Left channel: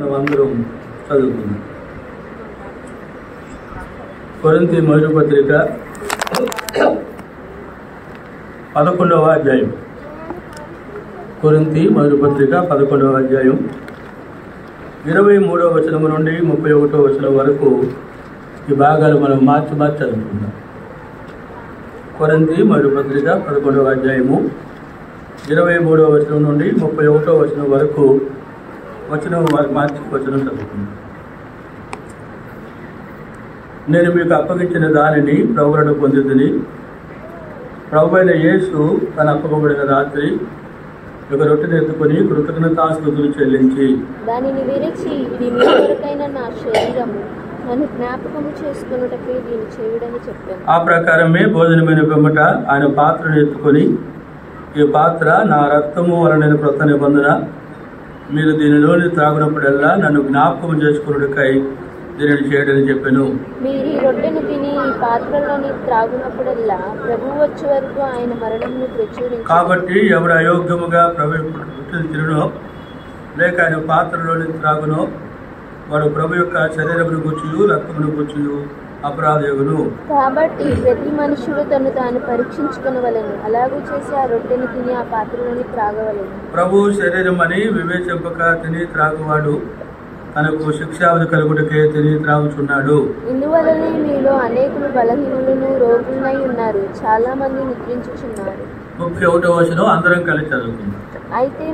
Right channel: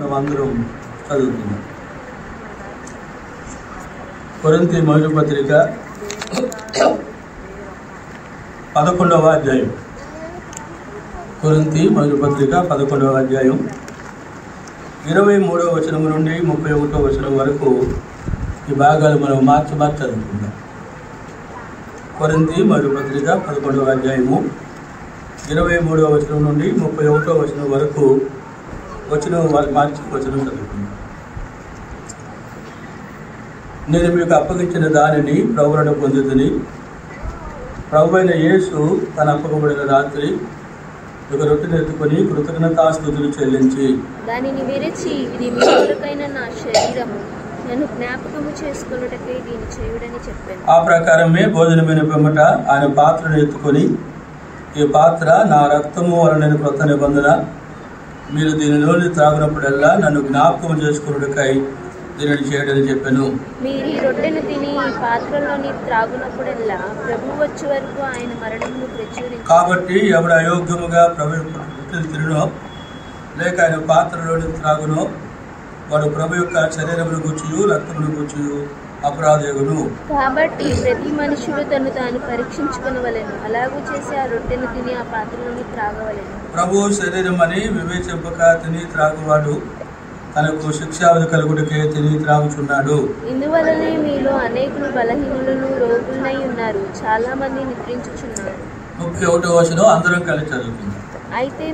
మనం అందరం చదువుతున్నాం. కొరింథీ మొదటి పత్రిక 11వ అధ్యాయం. కొరింథీ మొదటి పత్రిక 11వ అధ్యాయం 23వ వచనం నుండి 31వ వచనం వరకు ఈ భాగాలు మనం మార్చి చదువుకుందాం. కొరింథీ మొదటి పత్రిక 11వ అధ్యాయము 23వ వచనం నుండి 31వ వచనం వరకు మార్చి వచనం చదువుకుందాం. నేను మీకు అప్పగించిన దానిని ప్రభువును పొందితిని. ప్రభువైన యేసు తన అప్పగింపబడిన రాత్రి ఒక రొట్టెను ఎత్తుకొని కృతజ్ఞతాస్తుతులు చెల్లించి దానిని విరిచి, ఇది మీ కొరకైన నా శరీరము, నన్ను జ్ఞాపకము చేసుకొనుటకై దీన్ని చేయుడని చెప్పాను. ఆ ప్రకారమే భోజనమైన పిమ్మట ఆయన పాత్రను ఎత్తుకొని, ఈ పాత్ర నా రక్తము వలన క్రొత్త నిబంధన, మీరు దీనిలోని త్రాగునప్పుడల్లా నన్ను జ్ఞాపకం చేసుకున్నకై దీనిని చేయడని చెప్పాను. మీరు ఈ రొట్టెను తిని ఈ పాత్రలోని త్రాగునప్పుడల్లా ప్రభువు వచ్చే వరకు ఆయన మరణమును ప్రచురించారు. కాబట్టి ఎవడు అయోగ్యముగా ప్రభు పుట్టిన తిరునో లేక ఆయన పాత్రలోని త్రాగునో వాడు ప్రభు యొక్క శరీరమును గుర్చియు రక్తమును గుర్చియు అపరాధయుగును. కాబట్టి ప్రతి మనుషుడు తను తాను పరీక్షించుకొనవలెను, అలాగూ చేసి ఆ రొట్టెను తిని ఆ పాత్రలోని త్రాగవలెను. ప్రభు శరీరం అని వివేచింపక తిని త్రాగువాడు తనకు శిక్షావధి కలుగుటకే తిని త్రాగుచున్నాడు. ఇందువలనే మీలో అనేకులు బలహీనులను రోగులనై ఉన్నారు, చాలా మంది నిద్రించుచున్నారు. 31వ వచనం అందరం కలిసి చదువుకుందాం. అయితే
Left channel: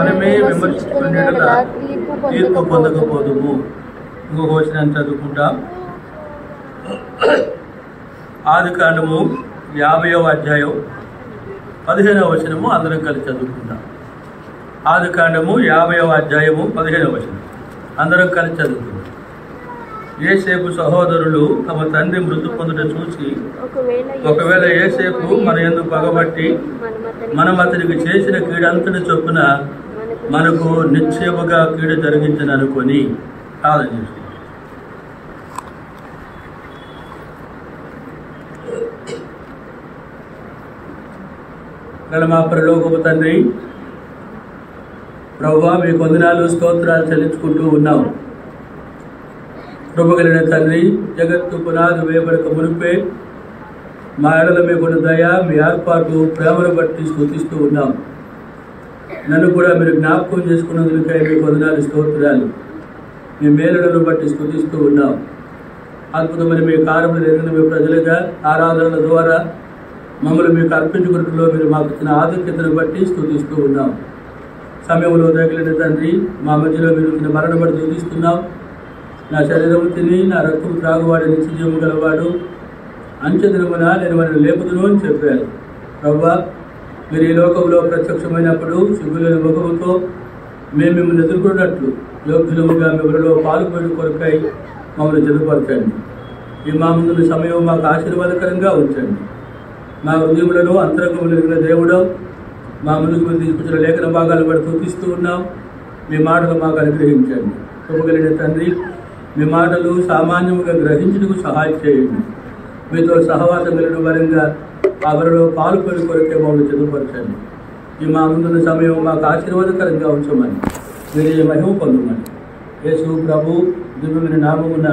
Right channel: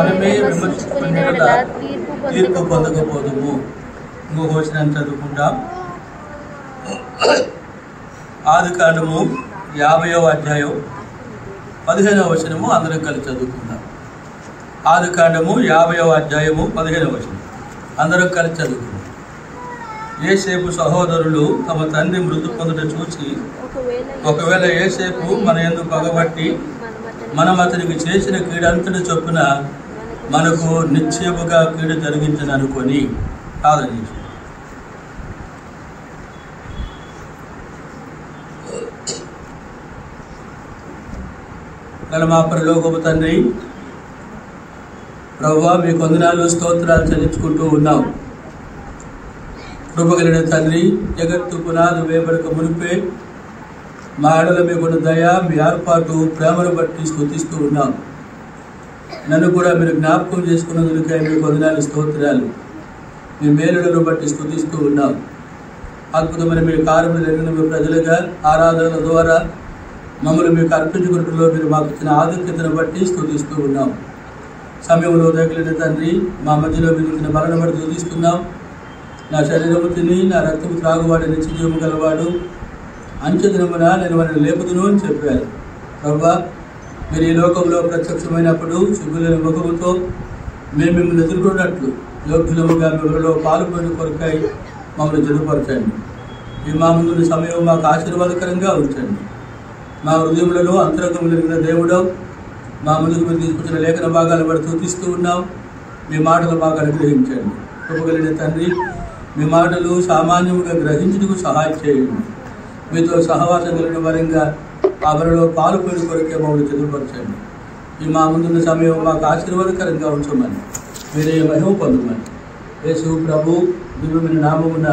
మనమే విమర్శించుకునేలా తీర్పు పొందకపోదుము. ఇంకొక వచనాన్ని చదువుకుంటాం. ఆదికాండము 50వ అధ్యాయం 15వ వచనము అందరం కలిసి చదువుకుందాం. ఆదికాండము 50వ అధ్యాయము 15వ వచనం అందరం కలిసి చదువుకుందాం. యోసేపు సహోదరులు తమ తండ్రి మృతి పొందుట చూసి, ఒకవేళ యోసేపు మన యందు పగబట్టి మనం అతనికి చేసిన కీడంతటి చొప్పున మనకు నిశ్చయముగా కీడు జరిగించను అనుకొని ప్రార్థన చేసి, మా పరలోకపు తండ్రి, ప్రభువా మీకు వందనాలు స్తోత్రాలు చెల్లించుకుంటూ ఉన్నాం. కృపగలిగిన తండ్రి, జగత్తు పునాది వేయబడక మునిపే మా ఎడల మీకున్న దయ, మీ ఏర్పాటు, ప్రేమను బట్టి స్తుతిస్తూ ఉన్నాం. నన్ను కూడా మీరు జ్ఞాపకం చేసుకున్నందుకై మీకు వందనాలు స్తోత్రాలు. మీ మేలులను బట్టి స్తుతిస్తూ ఉన్నాం. అద్భుతమైన మీ కార్యములు జరిగిన మీ ప్రజలుగా ఆరాధనల ద్వారా మమ్మల్ని మీకు అర్పించుకున్నట్లో మీరు మాకు ఇచ్చిన ఆధిక్యతను బట్టి స్తుతిస్తూ ఉన్నాం. సమయంలో తగిలిన తండ్రి, మా మధ్యలో మీరు ఇచ్చిన మరణ బట్టి స్తుతిస్తున్నాం. నా శరీరము తిని నా రక్తము త్రాగువాడు నిత్యజీవం గలవాడు, అంచెదినమున నేను వారిని లేపుదును అని చెప్పారు. ప్రభువా, మీరు ఈ లోకంలో ప్రత్యక్షమైనప్పుడు సిగ్గులేని ముఖముతో మేము మిమ్మల్ని ఎదుర్కొన్నట్లు యోగ్యులముగా మిమ్మల్ని పాల్గొని కొరకై మమ్మల్ని జతపరచండి. ఈ మా ముందున్న సమయం మాకు ఆశీర్వాదకరంగా ఉంచండి. మా హృదయములలో అంతరంగం జరిగిన దేవుడు, మా ముందుకు మీరు తీసుకొచ్చిన లేఖన భాగాలు కూడా స్తుతిస్తూ ఉన్నాం. మీ మాటలు మాకు అనుగ్రహించండి. కృపగలిగిన తండ్రి, మీ మాటలు సామాన్యంగా గ్రహించుటకు సహాయం చేయండి. మీతో సహవాసం కలిగిన వరంగా అవరిలో పాల్గొని కొరకే మమ్మల్ని చదువుపరచండి. ఈ మా ముందున్న సమయం మాకు ఆశీర్వాదకరంగా ఉంచమని మీరే మహిమ పొందమని యేసు ప్రభు దివ్యమైన నామమున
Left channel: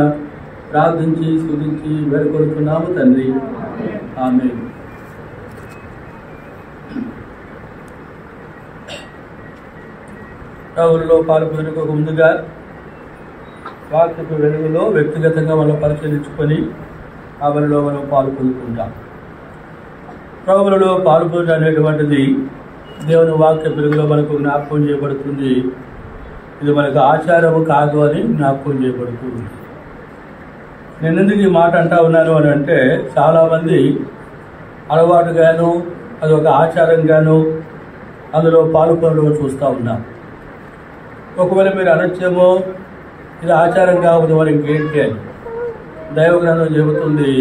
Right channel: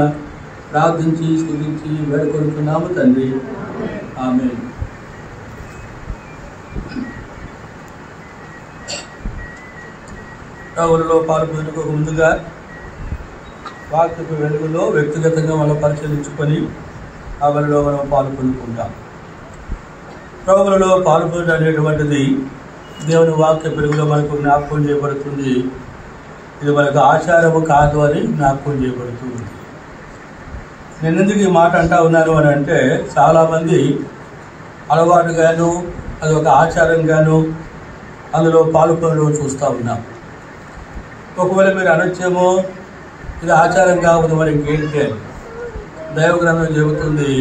ప్రార్థించి స్తుతించి వేడుకొనుచున్నాము తండ్రి. ఆమేన్. ప్రభువులో పాల్గొనకు ముందుగా వాక్యపు వెలుగులో వ్యక్తిగతంగా మనం పరిశీలించుకొని అవరిలో మనం పాల్గొనుకుంటాం. ప్రభువులో పాల్గొనడం అనేటువంటిది దేవుని వాక్య వెలుగులో మనకు జ్ఞాపకం చేయబడుతుంది. ఇది మనకు ఆచారము కాదు అని జ్ఞాపకం చేయబడుతుంది. నేను ఎందుకు ఈ మాట అంటా ఉన్నాను అని అంటే, చాలామంది అలవాటుగాను అదొక ఆచారంగాను అందులో పాల్గొనడం చూస్తూ ఉన్నాం. ఒకవేళ మీరు అనొచ్చేమో ఇది ఆచారం కావద్దు మరి ఇంకేంటి అని. దైవ గ్రంథం చెబుతుంది,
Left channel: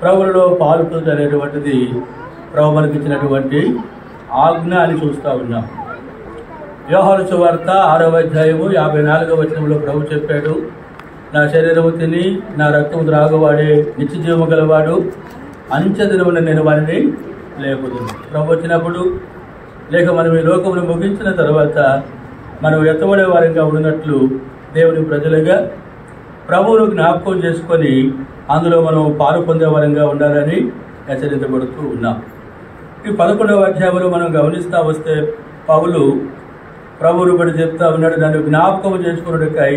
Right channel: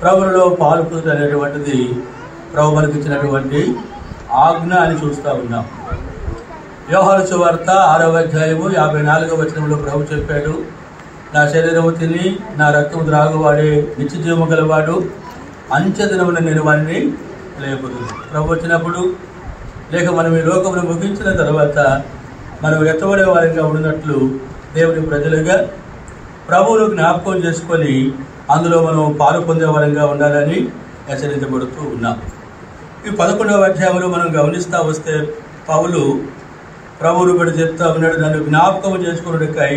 ప్రభువులో పాల్గొనడం అనేటువంటిది ప్రభు మనకి ఇచ్చినటువంటి ఆజ్ఞ అని చూస్తూ ఉన్నాం. యోహాను సువార్త 6వ అధ్యాయము 54వ వచనంలో ప్రభు చెప్పాడు, నా శరీరము తిని నా రక్తము త్రాగువాడే నిత్యజీవము గలవాడు, అంచెదినమున నేను వారిని లేపుదును. ప్రభు వచ్చినప్పుడు లేక మనం ఈ లోకమును ముగించిన తర్వాత మనం ఎత్తబడే వారిగా ఉన్నట్లు దేవుని ప్రజలుగా ప్రభువును జ్ఞాపకం చేసుకొని అందులో మనం పాలు పొందే వారంగా ఉండాలని హెచ్చరించబడుతూ ఉన్నాం. ఈ 11వ అధ్యాయంలో మనం గమనిస్తూ వస్తే పౌలు ప్రభువును కూడా చెప్తా ఉన్నాడు, దాన్ని జ్ఞాపకం చేసుకున్నట్టుకై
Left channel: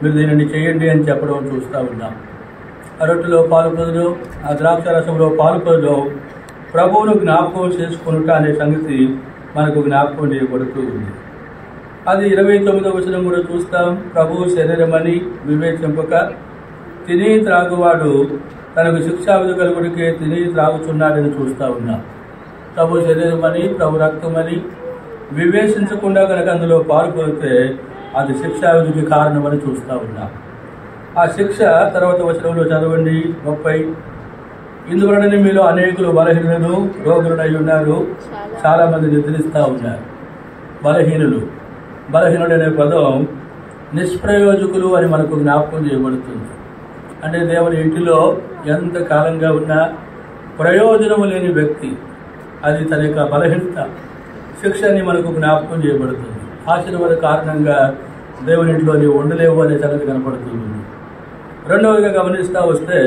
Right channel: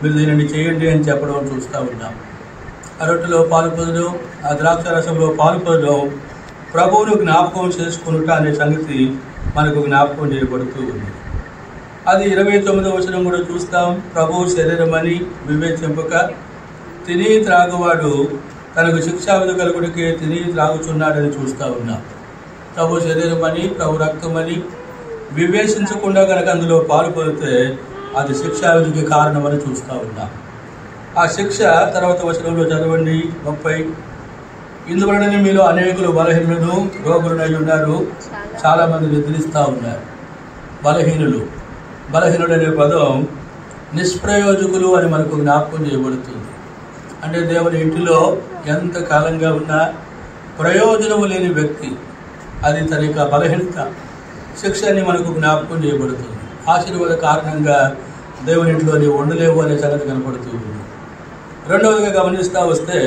మీరు దీనిని చేయండి అని చెప్పడం చూస్తూ ఉన్నాం. ఆ రొట్టెలో పాలు పొందడం, ఆ ద్రాక్ష రసంలో పాలు పొందడం ప్రభువును జ్ఞాపకం చేసుకున్నట్ట అనే సంగతి మనకు జ్ఞాపకం చేయబడుతూ ఉంది. అది 29వ వచనం కూడా చూస్తాం. ప్రభువు శరీరం అని వివేచింపక తిని త్రాగువాడు తనకు శిక్షావిధి కలుగుడికే తిని త్రాగుతున్నాడని చూస్తూ ఉన్నాం. ప్రభు శరీరం అని, ప్రభు రక్తం అని వివేచించకుండా కనుక అందులో పాలు పొందితే అది శిక్షావిధికి కారణమని చూస్తూ ఉన్నాం. ఆ శిక్ష తర్వాత వచనంలో చదవండి 30. ఇందువలన మీలో అనేకులు బలహీనులను రోగులై ఉన్నారు, చాలా మంది నిద్రిస్తూ ఉన్నారు. బలహీనుడు అనే పదం నిష్ప్రయోజకులు అని మనకు జ్ఞాపకం చేయబడుతుంది. అంటే దేవుని ఇంటిలో ఎంత కాలంగా ఉన్నా ప్రయోజనము లేని వ్యక్తి, అది తన యొక్క బలహీనత శిక్ష అని మనకు జ్ఞాపకం చేయబడుతుంది. ఆశీర్వాద కారణంగా దేవుని ఇంట్లో నీవు ఉండలేవు అనే సంగతి కనపడుతుంది. రెండవదిగా గమనిస్తూ వస్తే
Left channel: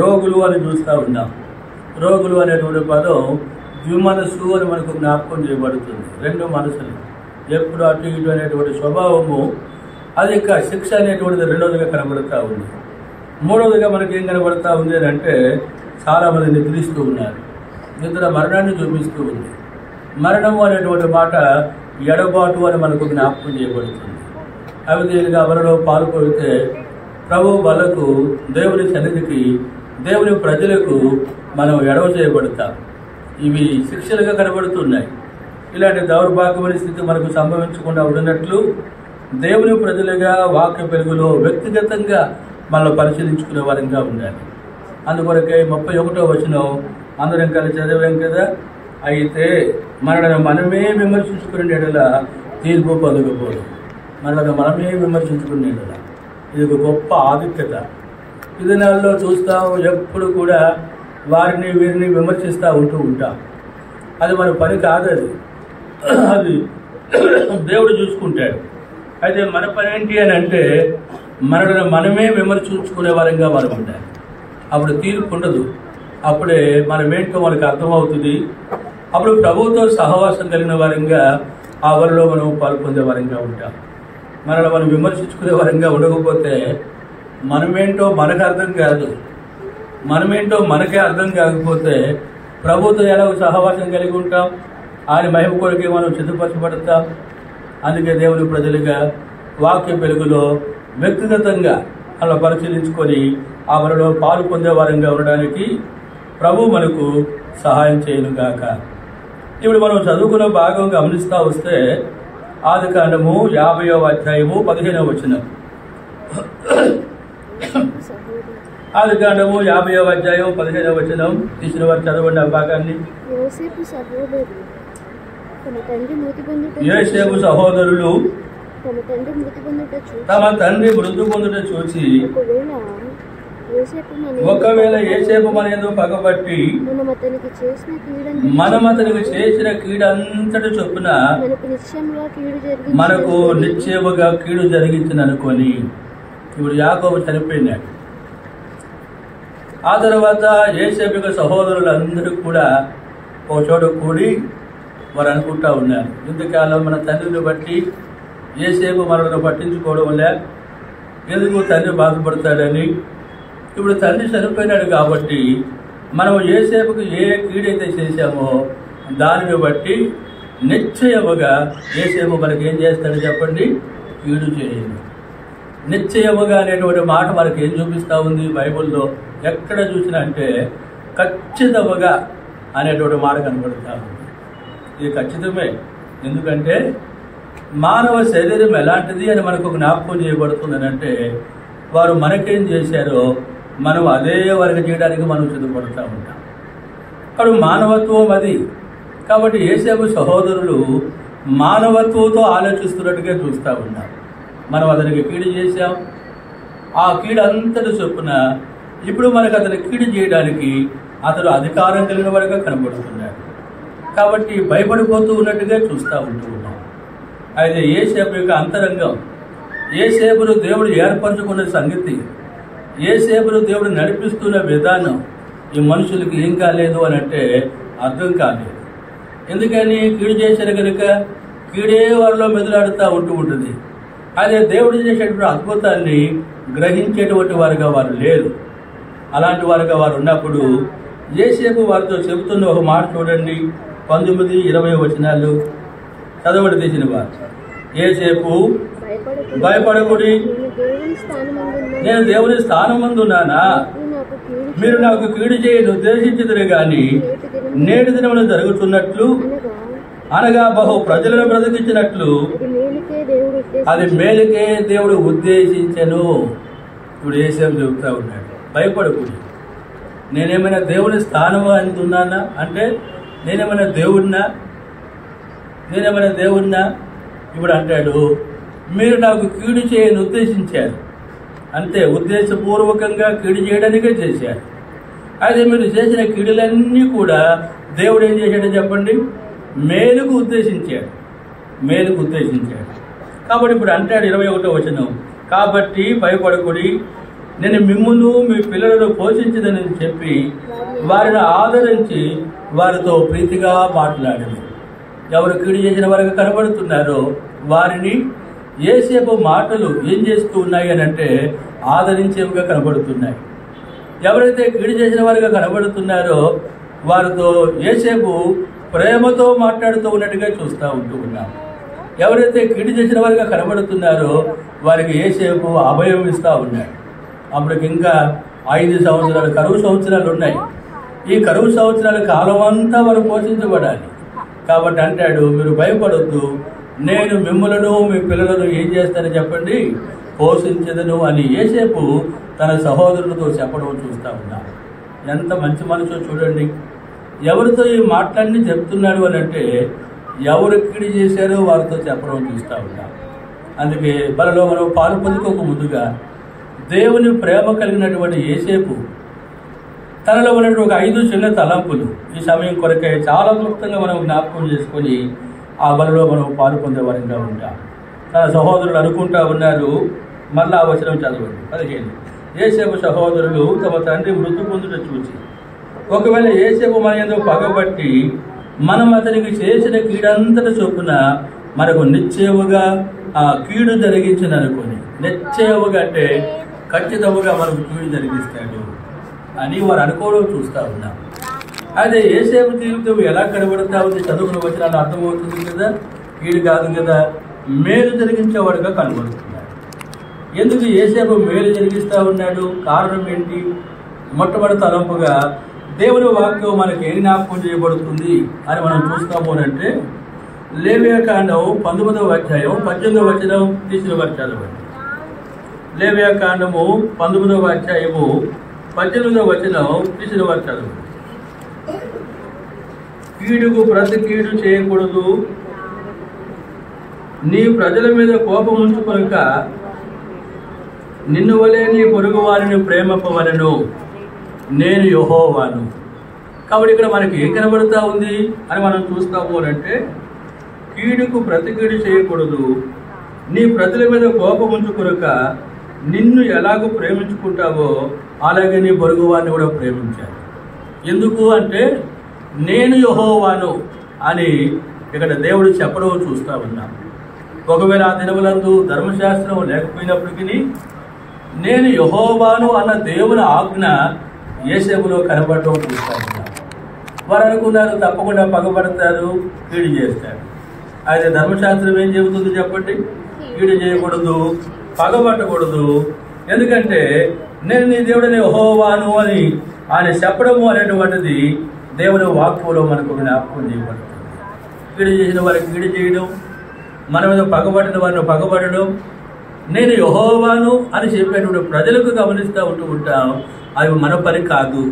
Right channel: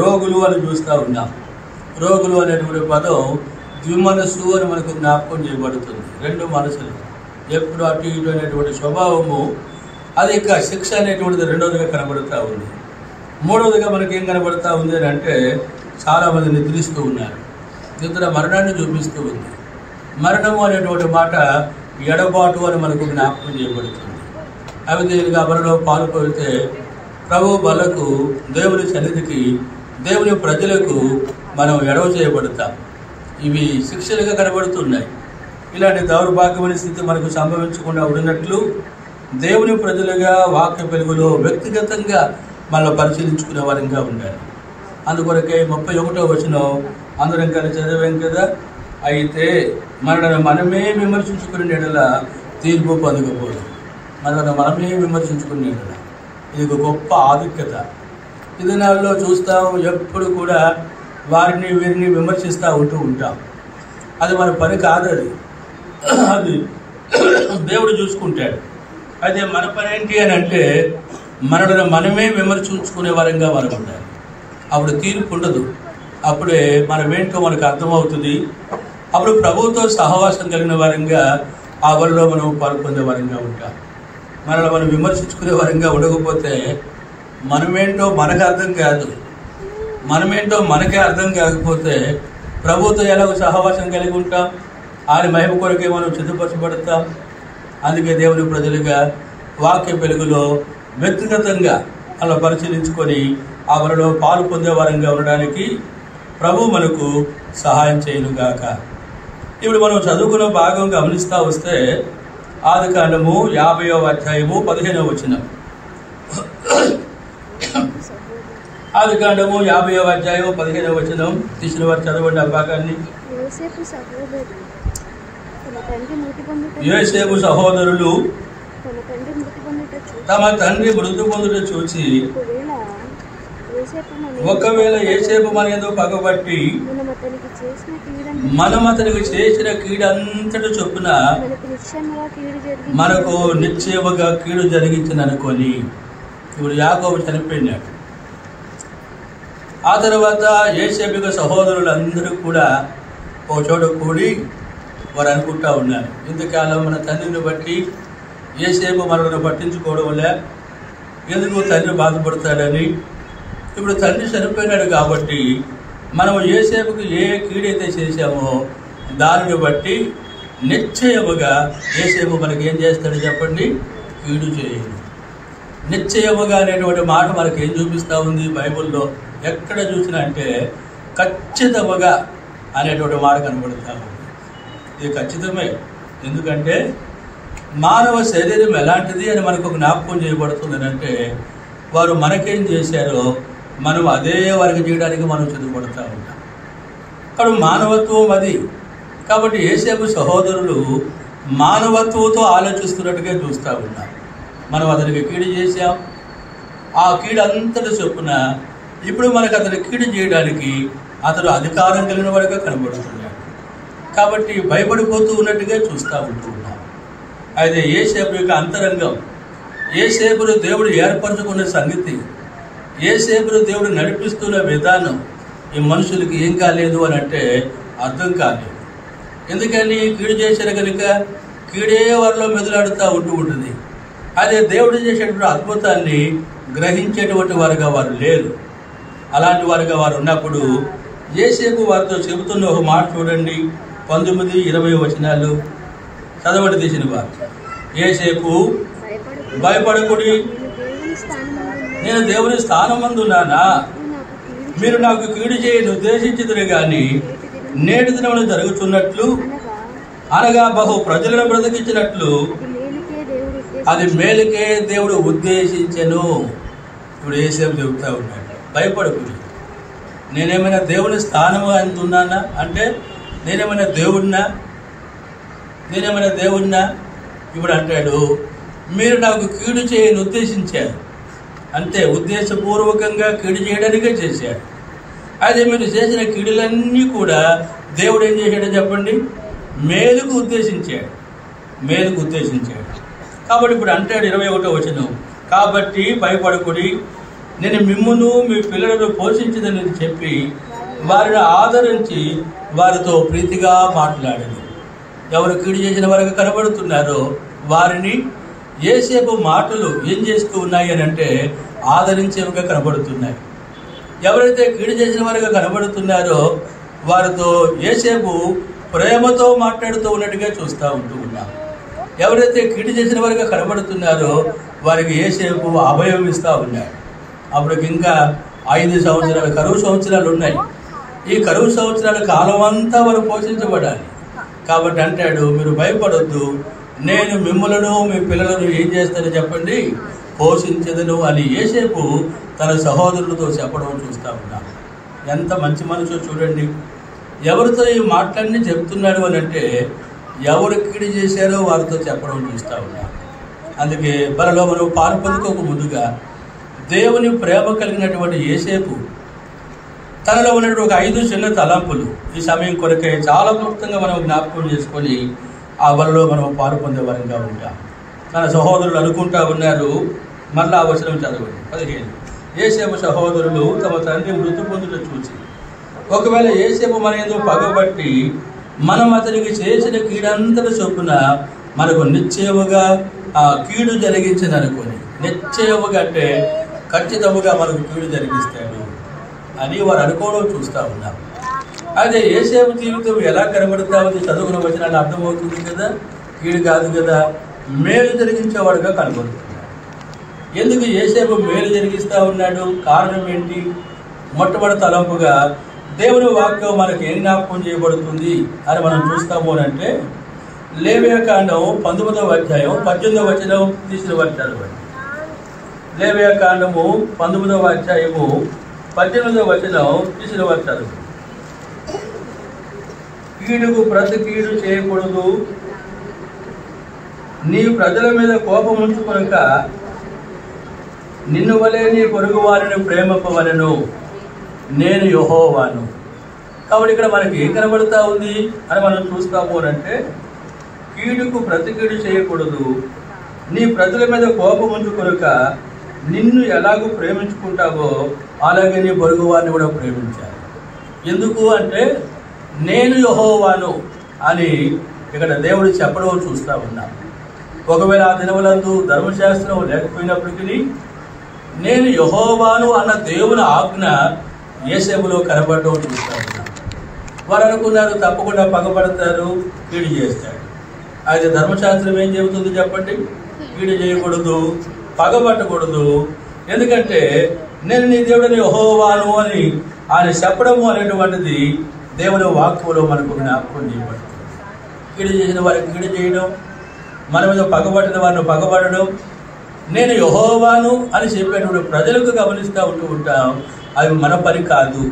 రోగులు అని చూస్తూ ఉన్నాం. రోగులు అనేటువంటి పదం ద్విమనస్సు అని మనకు జ్ఞాపకం చేయబడుతుంది. రెండు మనసులు ఎప్పుడు అటు ఇటు అనేటువంటి స్వభావము, అది ఇక శిక్ష అనేటువంటిది రెండవదిగా కనబడుతూ ఉంది. మూడవదిగా మనకి ఏం కనబడుతూ ఉంది అని అంటే చాలామంది నిద్రిస్తూ ఉన్నారు. నిద్ర మరణాన్ని చూపిస్తూ ఉంది. మరణము అనేటువంటి మాట ఎడబాటు అని మనకు జ్ఞాపకం చేయబడుతుంది. అవి తేలిగా బలలో పాలు పోతే ప్రభు బలకు, దేవుని సన్నిధికి, దేవుని ప్రజలకు మనం ఎడవ చేయబడతాం. ఇవి శిక్షలుగా కనబడుతున్నాయి. ఇలాంటి దౌర్భాగ్యమైన స్థితి మనకు సంభవించకుండా ఉన్నట్లు దేవుని ప్రజలుగా వాక్య వెలుగులో వ్యక్తిగతంగా మనం పరిశీలించుకునే వారంగా ఉండాలి. అందుకొరకే 31వ వచనం అందరం కలిసి చదివాం కదా, అయితే మనల్ని మనమే విమర్శించుకునే ఎడల తీర్పు పొందకపోదు. మనమే విమర్శించుకునే ఎడల ఇది ఒక గొప్ప ఆధిక్యత. ఈ దినాల్లో చూస్తాం, ఎప్పుడు కూడా వారిని వీరిని విమర్శిస్తూ ఉంటాం. అది మన పని కాదు, అది దేవుడు చూసుకుంటాడు. అయితే మన పని ఏంటి అని అంటే మనల్ని మనమే విమర్శించుకునే వారంగా మనం ఉండాలి. అప్పుడు తీర్పు ఉండదు. అప్పుడే మనమేంటో మనకు అర్థమవుతుంది. అప్పుడు ప్రభువుతో సహవాసం కలిగిన వారంగా ఆ వరలో మనం పాల్పొందే వారంగా ఉంటాం. మనల్ని మనం విమర్శించుకునే వారంగా ఉండకపోతే మనమేంటో మనకు అర్థం కాదు. మనమేంటో మనకే అర్థం కాకపోతే ప్రభువుతో ఎలాగో సహవాసం కలిగి ఉంటాం, ఆయన మహిమ కొరకే మనం సిద్ధపరచబడతాం. అందుకే దేవుని ప్రజలుగా వాక్య వెలుగులో వ్యక్తిగతంగా అలా పరిశీలించుకొని ఆ వరలో పాలు పొందే వారంగా ఉండడానికి ప్రభు మనకు సహాయం చేయనుగాక. ఇప్పుడు మనం చదువుకున్న భాగం గమనిస్తూ వస్తే ఆదికాండము 50వ అధ్యాయము 15వ వచనం. ఆదికాండము 50వ అధ్యాయం 15వ వచనం తీసిన వారు చదవండి ఆ భాగాన్ని. యోసేపు సహోదరులు తమ తండ్రి మృతి పొందుట చూచి ఒకవేళ యోసేపు మన యందు పగబట్టి మనం అతనికి చేసిన కీడంతటి చొప్పున మనకు నిశ్చయముగా కీడు జరిగించింది అనుకొని, ఇప్పుడు యాకోబు చనిపోయినాడు. ఆ తర్వాత యోసేపు యొక్క సహోదరులందరూ కూడా ఒక చోట కూడి వారు అనుకుంటా ఉన్నారు, ఇంతకాలం మన తండ్రిని బట్టి యోసేపు మనల్ని పట్టించుకోవడం వల్ల ఎందుకు తండ్రి బాధపడతాడని. ఇప్పుడు తండ్రి చనిపోయినాడు కాబట్టి మనం యోసేపుకి ఏ కీడైతే చేశామో దానిని బట్టి నిశ్చయముగా యోసేపు మనకి ఏం చేస్తాడో చెప్పండి, కీడు చేయండి. నిశ్చయముగా అనేటువంటి మాట మనకి ఏం చూపిస్తూ ఉంది బైబిల్లో? ఎక్కడ చూసినా అంటే ఖచ్చితముగా అనేటువంటి మాట కనబడుతూ ఉంది. ఇది ఖచ్చితమే. ఎందుకంటే మానవ శరీరం ఎలాంటిది అని మనకు జ్ఞాపకం చేయబడుతుందనంటే వారు మనకేం చేశారో మనం అదే వారికి చేయడానికి మనం సిద్ధపడుతూ ఉంటాం. అక్కడ మానవత్వం అది. కాబట్టి యోసేపు సహోదరులు మానవత్వంతో ఆలోచిస్తున్నట్టుగా చూస్తూ ఉన్నాం. మనం అతనికి కీడు చేశాం, ఆ కీడు అంతటి చొప్పున ఇప్పుడు మనకు అతని కీడు చేయడానికి అతను అధికారం కలిగిన వాడిగా కనబడుతున్నాడు. కాబట్టి భయపడిపోతూ ఉన్నట్టుగా చూస్తూ ఉంటున్నాం. అయితే యోసేపు యొక్క అంతరంగం, యోసేపును దేవుడు ఏర్పరచుకునే సంగతి, యోసేపును దేవుడు నడిపిస్తున్న విధానం ఈ మనుషులకి ఏం కాలేదు అని అంటే అర్థం కాలేదు. ఎందుకని? కీడు చేశారు కనుక కీడే వారిలో మెదలాడుతూ ఉంటుంది. అదే దేవుడు చేసేటువంటి అద్భుతాన్ని గ్రహించేటువంటి వారుగా వారు లేరు. అలాంటి వారుగా వారు ఉన్నప్పుడు యోసేపు వారితో చెబుతున్న ఒక మాట చూడండి, 19-20 వచనాలు చదవడి తీసిన వారు. యోసేపు, భయపడకుడి, నేను దేవుని స్థానమందున్నానా? మీరు నాకు కీడు చేయని ఉద్దేశించదురు గాని నేటి దినములు జరుగుతున్నట్లు అనగా బహు ప్రజలను బ్రతికించినట్లు అది మేలుకే దేవుడు ఉద్దేశించెను. ఇప్పుడు యోసేపు చెబుతా ఉన్నాడు, భయపడకుడి, నేనేమైనా దేవుని స్థానం అందున్నానా అంటే నేనేమైనా దేవుడినా? ఇప్పుడు అంటాడు, మీరు నాకు కీడు చేయని ఉద్దేశించారు, అంతే, ఉద్దేశపూర్వకంగా కీడు చేయడానికే చేశారు. అదే మీరు చేసిన కీడులన్నీ కూడా దేవుడు ఏం చేశాడో చెప్పండి, మేలుకు ఉద్దేశించాడు. కాబట్టి ఇప్పుడు అంటాడు 21వ వచనం, కాబట్టి భయపడకుడి, నేను మిమ్మును మీ పిల్లలను పోషించదని చెప్పి వారిని ఆదరించి వారితో ప్రీతిగా మాట్లాడింది. ఎవరు కీడు చేసిన వారికి కనబడుతున్నారో వారిని యోసేపు మాటలు ఏం చేస్తూ ఉన్నాయి అని అంటే ఆదరించేవిగా కనబడుతున్నాయి. ఎవరైతే కీడు చేసిన వారిగా కనబడుతున్నారో వారితో యోసేపు ప్రేమతో మాట్లాడుతూ ఉన్నట్టుగా చూస్తూ ఉన్నాం. ఎవరైతే కీడు చేసిన వారిగా కనబడుతున్నారో వారికి యోసేపు అభయం ఇస్తూ ఉన్నాడు. అప్పటికి ఇంకా 5 సంవత్సరాలు కరువు సంవత్సరాలు ఉన్నాయి. ఈ కరువు సంవత్సరాల కాలం అంతా వారు పోషించబడాలి. కాబట్టి అంటాడు, మీరు భయపడొద్దు, నేను మిమ్మలను మీ పిల్లలను ఏం చేస్తానని చెప్పండి, పోషించదను అని యోసేపు తన సహోదరులతో చెప్పడం చూస్తూ ఉన్నాను. ఎంత మంచి మనసు చూడండి. ఎవరితో ఈ మాటలన్నీ చెప్తున్నాడు అని అంటే ఎవరు కీడు చేశారో వారితో చెప్పడం చూస్తూ ఉన్నారు. అందుకే బలలో మనం పాలు పొందుకోక ముందుగా దేవుని ప్రేమ కలిగినటువంటి యోసేపు తనలో ఉన్నటువంటి ఒక 5 చిన్న తలంపులు ఈ సమయం కొరకై చాలా క్లుప్తంగా మనం జ్ఞాపకం చేసుకొని ఆ బలలో మనం పాలు పొందేవారంగా ఉంటాం. తన సహోదరులు అనుకుంటా ఉన్నారు, మళ్ళా ఆ వచనం చదవండి 15. యోసేపు సహోదరులు తమ తండ్రి మృతి పొందుట చూసి, ఒకవేళ యోసేపు మన ఏదో పగబట్టి మనం అతనికి చేసిన కీడంతటి చొప్పున మనకు నిశ్చయముగా ఆ కీడు జరిగించదనుకొని, నిశ్చయముగా అంటే ఖచ్చితంగా మనకు కీడు జరిగిస్తాడు అని వారు అనుకోవడం చూస్తూ ఉన్నారు. అదే యోసేపు జీవితం ఎలా కనబడతా ఉంది చదువుకున్న వచనాలు అర్థమవుతుంది కదా, కీడు కాదు కదా, మేలు జరిగించేవాడుగా కనబడుతున్నాడు. ఎందుకు యోసేపు మేలు జరిగిస్తూ ఉన్నాడు? కారణం ఏంటి? మొట్టమొదటి తలంపుగా దేవుని వాక్యం మనకి ఏం జ్ఞాపకం చేయబడుతుంది అని మనం చూస్తాము అంటే లేవియాకాండం 19వ అధ్యాయం 18వ వచనం తీసిన వచ్చారు. లేవియాకాండము 19వ అధ్యాయము 18వ వచనం తీసిన వచ్చారు. కీడుకు ప్రతి కీడు చేయకూడదు, నీ ప్రజల మీద కోపం ఉంచుకొనక నిన్ను వలె నీ పొరుగు వారిని ప్రేమింపవలెను, నేను యెహోవాను. కాబట్టి ఇక్కడ మనకి ఏం కనబడుతూ ఉంది అని మనం చూస్తాము అంటే కీడుకు ప్రతి కీడు చేయకూడదు, నీ ప్రజల మీద కోపం ఉంచుకొనక నిన్ను ఎలాగో ప్రేమించుకుంటావో అలాగే నీ పొరుగు వారిని కూడా ప్రేమించాలి. ఎందుకు అంటే నేను యెహోవాను అని ఇక్కడ దేవుడు చెప్పడం చూస్తూ ఉన్నాం. ఒకవేళ ఆ దినములందు ధర్మశాస్త్రం లేకపోయినప్పటికీ నేను యెహోవాను అన్న దేవుని ఆజ్ఞ యోసేపులో కనబడడం చూస్తూ ఉన్నాం. వారు అనుకున్నారు తప్పకుండా పగబడతారు, కీడు చేస్తారు. అయితే ధర్మశాస్త్రం ఏం చెబుతుంది చెప్పండి? కీడు చేయకూడదు, పగబట్టకూడదు. ఎందుకంటే నేను నీ దేవుడిని యెహోవాను అని ఆయన చెప్పడము అనేటువంటిది దేవుని వాక్యంలో మనకు జ్ఞాపకం చేయబడుతుంది. కీడు చేసిన వారికి కీడు చేయడం, మన మీద పగబట్టిన వారిని పగబడడం, నేను యెహోవాను అని చెప్పేటువంటి ప్రజలకు గమనిస్తూ ఉంటాం. అవి మన పని కాదు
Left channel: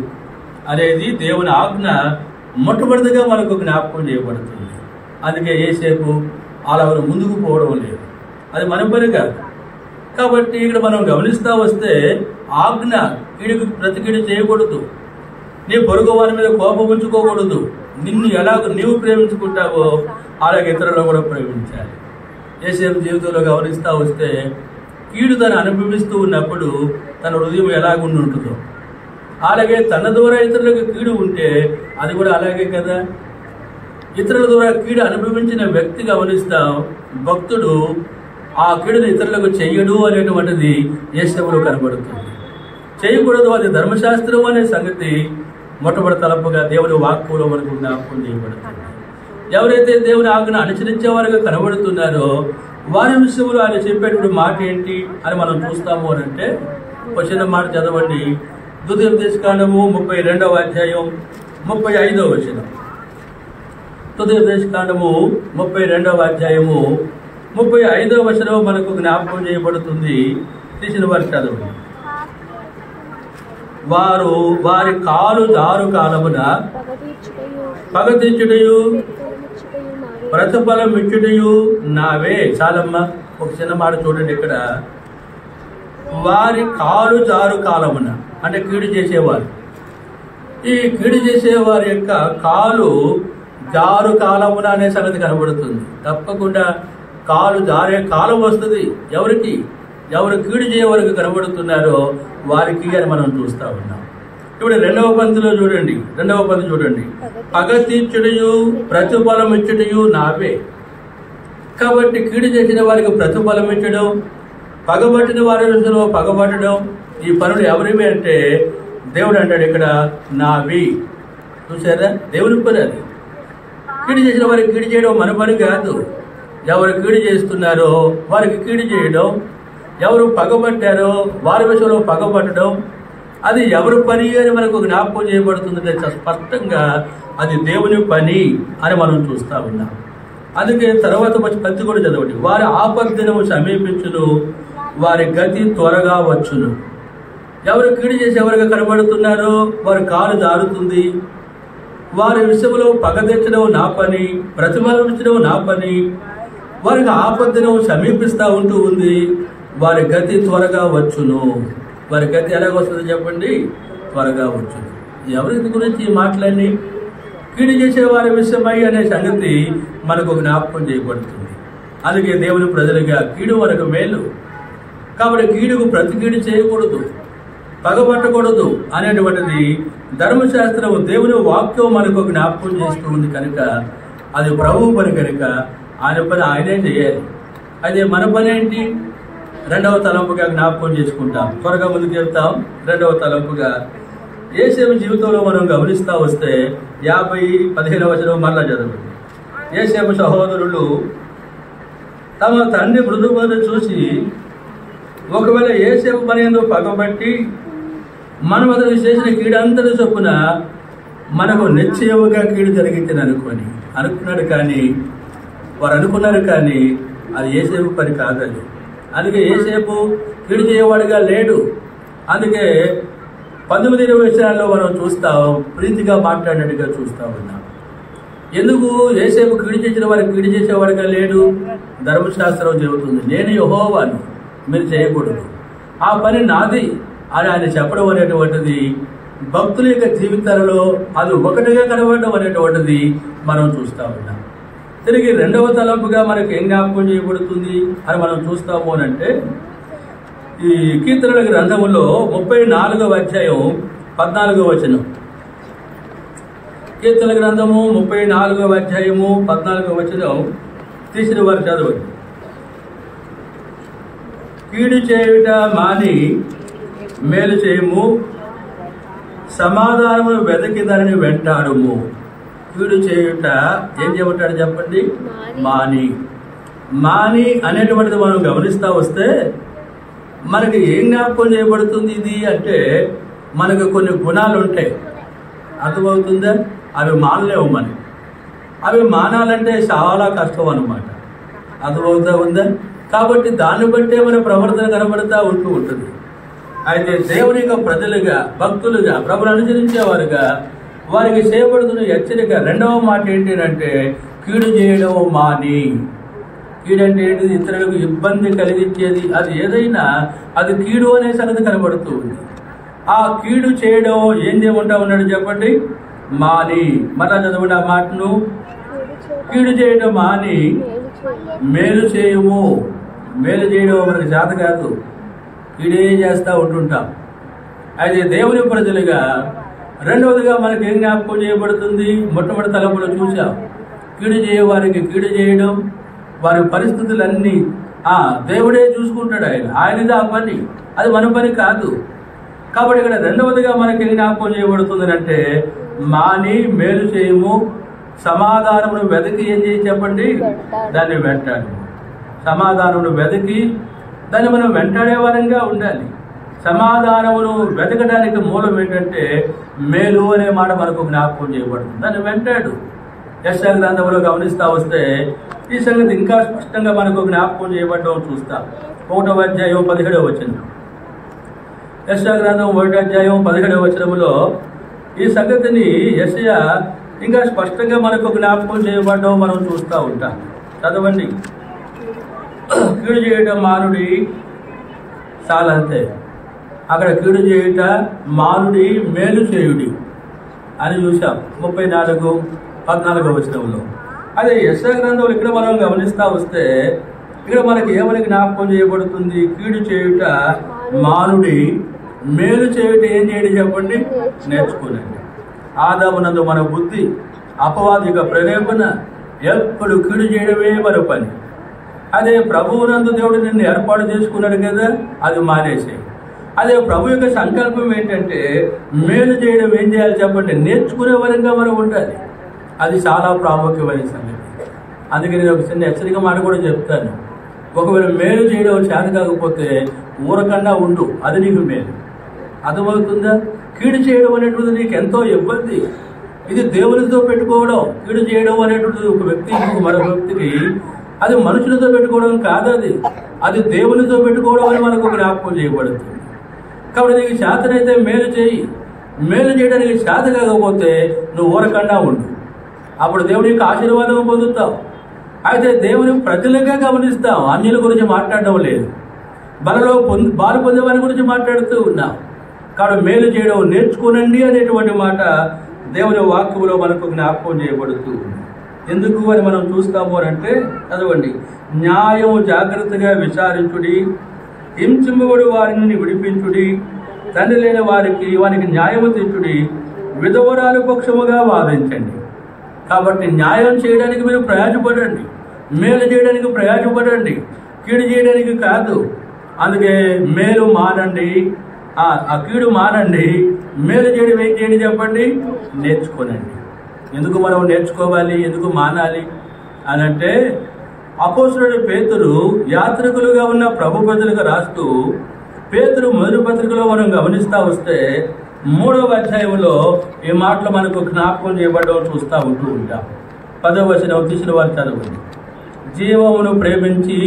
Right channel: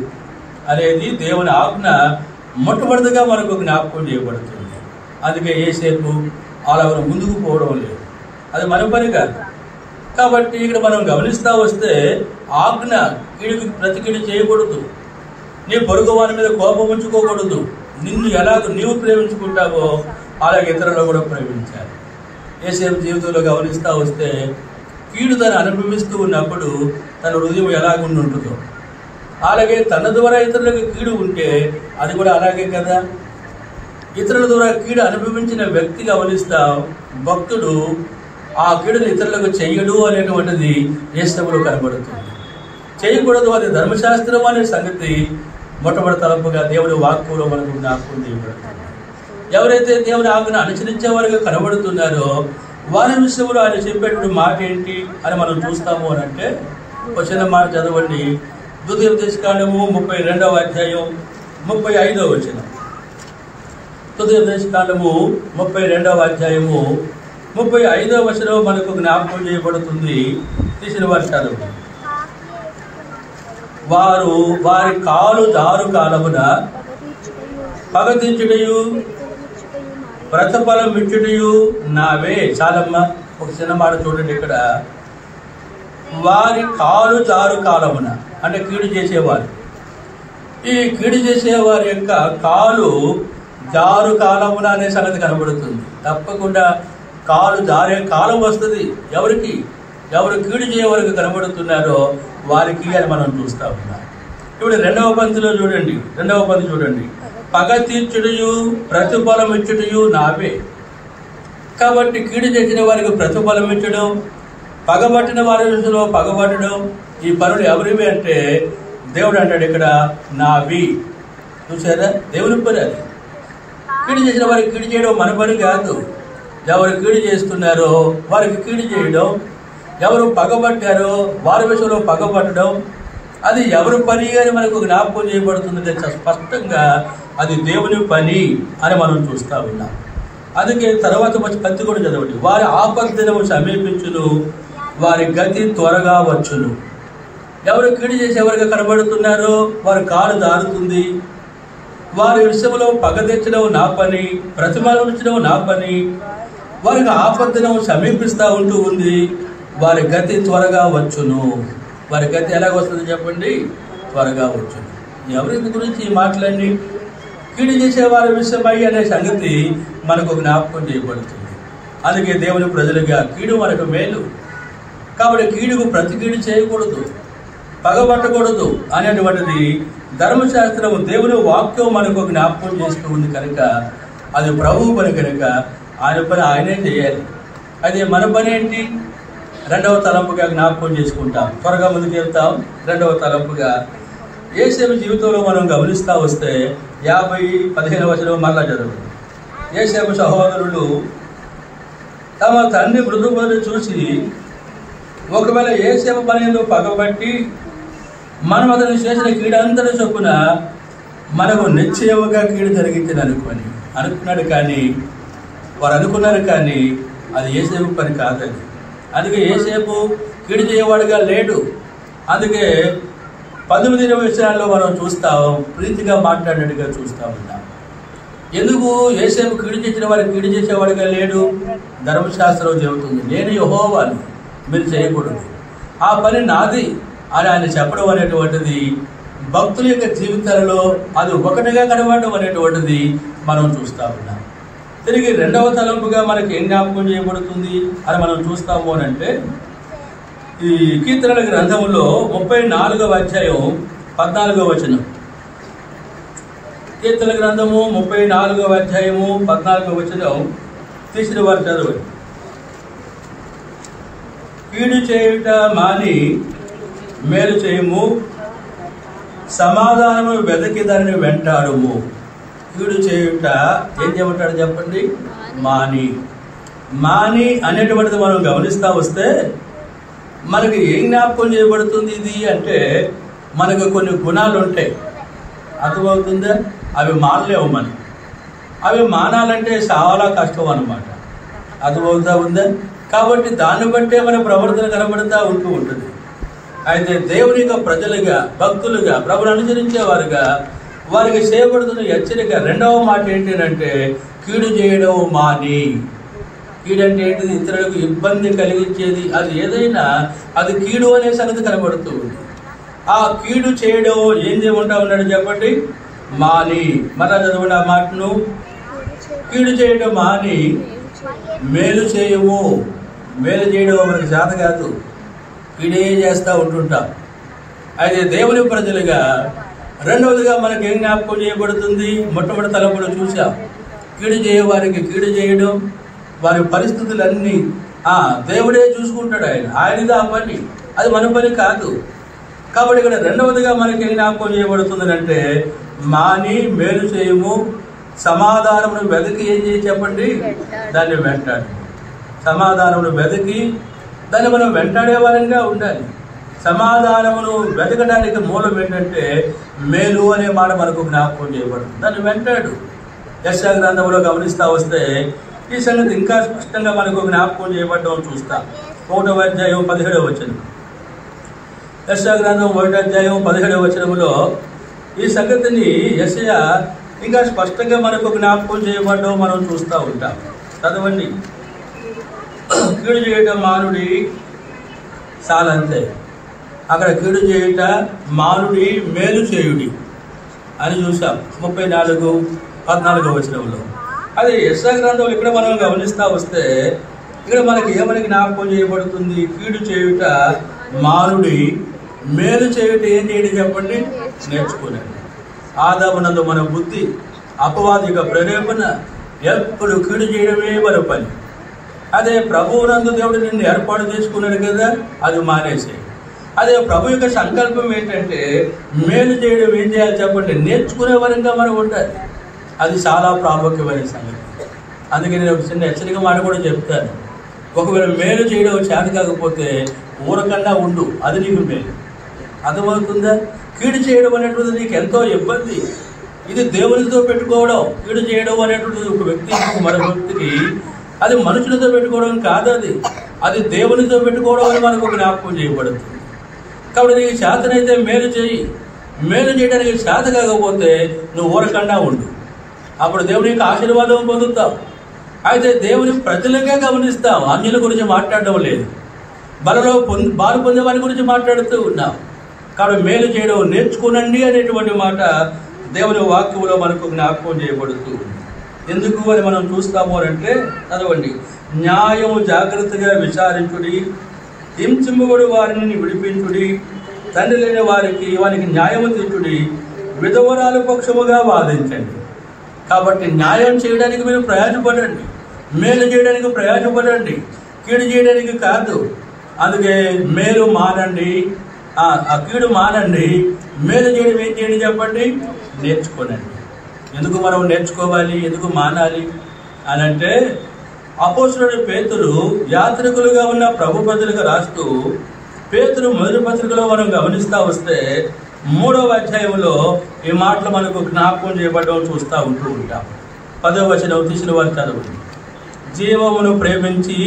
అనేది దేవుని ఆజ్ఞ మొట్టమొదటిగా మనకు జ్ఞాపకం చేయబడుతుంది. అందుకే యోసేపు అలా ముందుకు పోవడం లేదు, అది మన పని కాదు. కాబట్టి ఇక్కడ మనం గమనిస్తూ వస్తే ఆజ్ఞ కీడుకు ప్రతి కీడు చేయకూడదు, నీ పొరుగు వారి మీద కోపం ఉంచుకోకూడదు, నిన్ను ఎలాగ నీవు ప్రేమించుకుంటావో అలాగే ఇతరులు కూడా ప్రేమించాలి. యేసేపు జీవితంలో గమనిస్తూ వస్తే కీడు తను అనుభవిస్తూ ఉన్నప్పుడు తన హృదయం ఎలాగుండి ఉంటుందో, అలాగే తన ద్వారా ఇతరులకు కీడు ఉంటే అది కూడా అలాగే కదా. ఇతరుల ద్వారా కీడు అనుభవించిన వ్యక్తి గమనిస్తాం, భక్తుడు ఆ కీడును ఇతరులకు చెయ్యడు అనేటువంటిది యేసేపులో కనబడుతుంది. చేయకూడదు, అది ధర్మశాస్త్రం అనే సంగతి మొట్టమొదటి తలంపుగా దేవుని వాక్యంలో మనకు జ్ఞాపకం చేయబడుతుంది. ఎవరైతే దేవుని ఆజ్ఞను అనుసరించే వారుగా కనబడుతున్నారో వారి విషయంలో ఆయన చెప్పేటువంటి మాట ఏంటి అని మనం చూస్తాము అని అంటే, వచ్చిన మాట చదవండి. ద్వితీయోపదేశకాండము 32వ అధ్యాయం 35వ వచనం. ద్వితీయోపదేశకాండము 32వ అధ్యాయము 35వ వచనం మనకు జ్ఞాపకం చేయబడుతుంది. తీసిన వారి చదువు. వారు వారి కాలు జారు కాలమున పగతీర్చుటయు ప్రతిఫలం ఇచ్చుటయు నావే. చాలమ్మా, ఒక చిన్న మాట చూడండి ఇక్కడ. వారి కాలు జారు కాలమున అంటే కీడు చేసేవారు. ఈ కీడు చేసేవారి యొక్క కాలు జారు కాలమున అనే సంగతి కనబడుతుంది. తప్పకుండా కాలు జారే కాలం వస్తుంది. ఎవరికి? ఎవరు కీడు చేయవరకు కనబడుతున్నారో వారికి అని మనం చూస్తా ఉన్నాం. ఇప్పుడు రెండవ పంక్తిలో చూడండి. పగ తీర్చుటయు ప్రతిఫలం ఇచ్చుటయు నావే. కాబట్టి కీడు చేసిన వారికి ప్రతిఫలం ఇచ్చడం, పగబట్టిన వారి విషయంలో పగబట్టడం, ఈ పనులు ఎవరివి అంటే దేవుడు అంటాడు ఇక్కడ నావి. చూసారా, దేవుని పని అది. కీడు చేసిన వారికి కీడు చేయడం మన పని కాదు. ఎవరు కీడు చేస్తున్నారో వారికి కీడు చేయడం, ఎవరు పగబట్టారో వారి విషయంలో పగబట్టడం, అది ఎవరి పని అని మనకు జ్ఞాపకం చేయబడుతుందంటే స్పష్టంగా అది దేవుని పని అని మనం చూస్తూ ఉన్నాం. అందుకే తర్వాత పత్తి కూడా చదవండి. వారి ఆపద్దినము సమీపించును, వారి గతి త్వరగా వచ్చును. ఎవరు కీడు చేసేవారుగా కనబడుతున్నారో వారి కాలు జారుతుంది. వారి విషయంలో పగ తెచ్చడం నా పని, ప్రతిమానించడం నా పని. వారికి ఆపద్దినము సమీపిస్తూ ఉంటూ ఉంది. వారి గతి త్వరగా వచ్చును. వారి గతి ఎలాగ వస్తుందో చెప్పండి? త్వరగా వచ్చును. ఎవరి గురించి మాట్లాడి కీడు చేసే వారి విషయమై అనే సంగతి మనకు జ్ఞాపకం చేయబడుతుంది. అందుకే దేవుని ప్రజలుగా కీడు మనకు మేలు. కాబట్టి కీడుకు ప్రతి కీడు చేయకూడదు, పగబట్టకూడదు అనేటువంటిది ధర్మశాస్త్రం, దేవుని వాక్యం మనకు జ్ఞాపకం చేస్తూ ఉంది కనుక అది ప్రభువు పని కనుక ఆయన పని ఆయనే చేయాలి. అదే మన పని ఏంటి? రెండవ తలంపుగా జ్ఞాపకం చేసుకుంటాం. త్వరగా ముందుకు వెళ్తాం. రెండవ తలంపుగా యేసేపు జీవితంలో మనం గమనిస్తూ వస్తే 50:15 వచనం మరలా చదవండి. యేసేపు సహోదరులు తమ తండ్రి మృదుబలను చూసి ఒకవేళ యేసేపు పనిలో పగబట్టి మనం అతను చేసిన కీడంతటి చొప్పున మనకు నిశ్చయముగా కీడు జరిగిందని అనుకున్నాడు. కానీ వారు అనుకున్నారు, కానీ అది యేసేపు పని కాదని. అందుకే యేసేపు కీడు చేయవాడుగా లేడు. అందుకే 19-20 వచనాల్లో మనం చూస్తాం, ప్రీతిగా మాట్లాడినట్టుగా చూస్తూ ఉన్నాం. ఎందుకు యేసేపు కీడు చేసిన వారికి కీడు చేసేవాడుగా లేడు? ధర్మశాస్త్రం చెబుతుంది, నేను యెహోవాను, మీరు చేయకూడదు, ఆ పని నాది అని ఆయన చెప్పడం అనేటువంటిది భక్తుల యొక్క జీవితాలలో అది ఒకటిగా కనబడడం అనేటువంటిది మనం చూస్తూ ఉన్నాం. తిరిగి రెండవ తలంపుగా మనకి ఏం జ్ఞాపకం చేయబడుతుంది అని మనం చూస్తాము అని అంటే, ఈ కీర్తనల గ్రంథంలో 34వ అధ్యాయం 14వ వచనం. కీర్తనల గ్రంథము 34వ అధ్యాయము 14వ వచనం తీసిన వారు చదవండి. కీడు చేయుట మాని మేలు చేయము, సమాధానము వెదకి దానిని వెంటాడుము. కీడు చేయుట ఏం చేయమంటాడు చెప్పండి? మాని అనేటువంటిది మనం గమనిస్తూ వస్తే మనకి ఏం జ్ఞాపకం చేయబడుతుంది ఇది అంటే, మనకు కొన్ని గుణాలు ఉంటాయి, అర్థమవుతుందా? అవి మానలేవు మనం. అవి మానాలంటే చాలా కష్టం అన్నమాట, అర్థమవుతా ఉందా? కాబట్టి దాన్ని బట్టే మన ప్రవర్తన కనబడుతూ ఉంటుంది. అయితే దేవుని యొక్క ప్రజలుగా, భక్తులుగా, ప్రభుని అనుసరించేవారుగా వారికి చేయబడుతున్న హెచ్చరిక రెండవ మాట ఏంటి అంటే, కీడు చేయడం మాని. కీడు అంటే ఏంటిది? ఇతరులకు ఇబ్బంది కలిగించేది అది ఏదైనా అది కీడు అనే సంగతి కనబడుతూ ఉంది. ఆ కీడు చేయడం ఏం చేయమంటా ఉన్నాడు చెప్పండి? మాని. మళ్ళా చదవండి ఆ మాటను. కీడు చేయడం మాని మేలు చేయము. మేలు చేయడం మనకు చేత కాదు, కీడే చేస్తూ ఉంటుంటాం. అయితే దేవుని ప్రజలుగా రెండవదిగా మనకి ఏం జ్ఞాపకం చేయబడుతుంది? మొట్టమొదటి తలంపులో చూసాం, కీడు చేయవారికి కీడు చేయడం, వారి పరిస్థితులన్నీ దేవుడే చూసుకుంటాడు. ఆయనది ఆ పని, అది మన పని కాదు. కాబట్టి ఇక్కడ రెండవదిగా మనకి ఏం జ్ఞాపకం చేయబడుతుంది అంటే, మాని మేలు చేయము, సమాధానమును వెతికి ఏం చేయి చెప్పండి, దాన్ని వెంటాడు. సమాధానమును వెతికి దాన్ని మనం వెంటాడే వారంగా ఉండాలి. సమాధానమును వెతకడానికి మూలం ఏంటంటే మేలు అనే మాట మనకు జ్ఞాపకం చేయబడుతుంది. దాన్ని వెంటాడు. యెషయా గ్రంథంలో గమనిస్తూ వస్తే ఈ సంగతి ఇంకా స్పష్టంగా మనకు జ్ఞాపకం చేయబడడం చూస్తాం. 1వ అధ్యాయం 17వ వచనం. యెషయా గ్రంథం 1వ అధ్యాయం 17వ వచనంలో ఈ సంగతిని యెషయా ఇంకా స్పష్టంగా మనకు జ్ఞాపకం చేయబడడం మనం చూస్తూ ఉంటాం. చదవండి. కీడు చేయటం మానుడి, చాలంతే. అక్కడ కీడు చేయుట మానుడి, మేలు చేయుడి అని చూసాం 34-14వ వచనంలో. అదే యెషయా గ్రంథంలో ఇక్కడ మనం గమనిస్తూ వస్తే ఇక్కడ మనకి ఏమని జ్ఞాపకం చేయబడుతుంది? కీడు చేయుట మానుడి, మేలు చేయుట ఏం చేయడం చెప్పండి, నేర్చుకోలేండి. ఆదామునందు మన బుద్ధి, అపవాదిక ప్రేరేపణ, ఎప్పుడు కీడు చేయడమే మన పని. అదే ప్రభువునందు దేవుడు నిన్ను ఏర్పాటు చేసుకున్నాడు కదా, అది మానేసే. అదే ప్రభు యొక్క సంకల్పం ఏంటంటే మేలు చేయడం ఏం చేయాలి చెప్పండి, నేర్చుకునే వరంగా మనం ఉండాలి. అది చాలా ప్రాముఖ్యమైన సంగతి. అందుకే నేను ఒక చిన్న హెచ్చరిక మాట కూడా చెప్తాను. ఒకవేళ మేలు చేయడం చేత కాకపోతే ఊరకన్నా ఉండు, అది నీకు మేలు. అర్థమవుతుందా? కీడు చేయడం అనేటువంటిది నీకు ఎంతో ఇబ్బంది. ఇది దేవునితో పెట్టుకోవడం. కీడు చేయడం అనేటువంటిది ఒక వ్యక్తి మరొక వ్యక్తికి, అది మనుషులతో పెట్టుకోవడం కాదు, అది దేవునితో పెట్టుకోవడం అని మనకు జ్ఞాపకం చేయబడుతుంది. కాబట్టి నీకు చేతనైతే మేలు చేయి. మేలు చేయడానికి చేత కాకపోతే నువ్వు ఊరకన్నా ఉండు. అప్పుడు దేవుని యొక్క ఆశీర్వాదం పొందుతావు. అయితే దేవుని ప్రజలుగా గమనిస్తాం, అన్యుల గురించి మాట్లాడడం లేదు. బలలో బాలు పొందే వారి గురించి మాట్లాడుతూ ఉన్నాం. కాబట్టి మేలు చేయడం నేర్చుకునండి అనేటువంటి మాట దేవుని వాక్యంలో మనకు జ్ఞాపకం చేయబడుతూ ఉంది. ఎందుకు అని మనం చూస్తాము అంటే చదవండి. న్యాయం జాగ్రత్తగా విచారించుడి, హింసింపబడు వారిని విడిపించుడి, తండ్రి లేని వారికి న్యాయము తెచ్చుడి, విధవరాల పక్షముగా వాదించండి. కాబట్టి న్యాయం చేయడానికి మీరు ప్రయాసపడండి, మేలు చేయడానికి ప్రయాసపడండి, కీడు చేయడానికి కాదు. అందుకే మేలు మానండి, ఆ కీడు మానండి, మేలు చేయడం ఏం చేయండి చెప్పండి, నేర్చుకోనండి. ఎందుకు మనం నేర్చుకోవాలి, ఎందుకు మానాలి అని అంటే, అపోస్తలుడు పేతురు యాత్రికులుగా ఉన్న ప్రభు ప్రజలకు రాస్తూ, పేతురు మొదటి పత్రికలో మనం గమనిస్తూ వస్తే 3వ అధ్యాయంలో ఈ మాటలు మనకు జ్ఞాపకం చేయబడడం చూస్తూ ఉంటూ ఉంటాం. 10వ వచనం తీసిన వారు చదవండి. జీవమును ప్రేమించి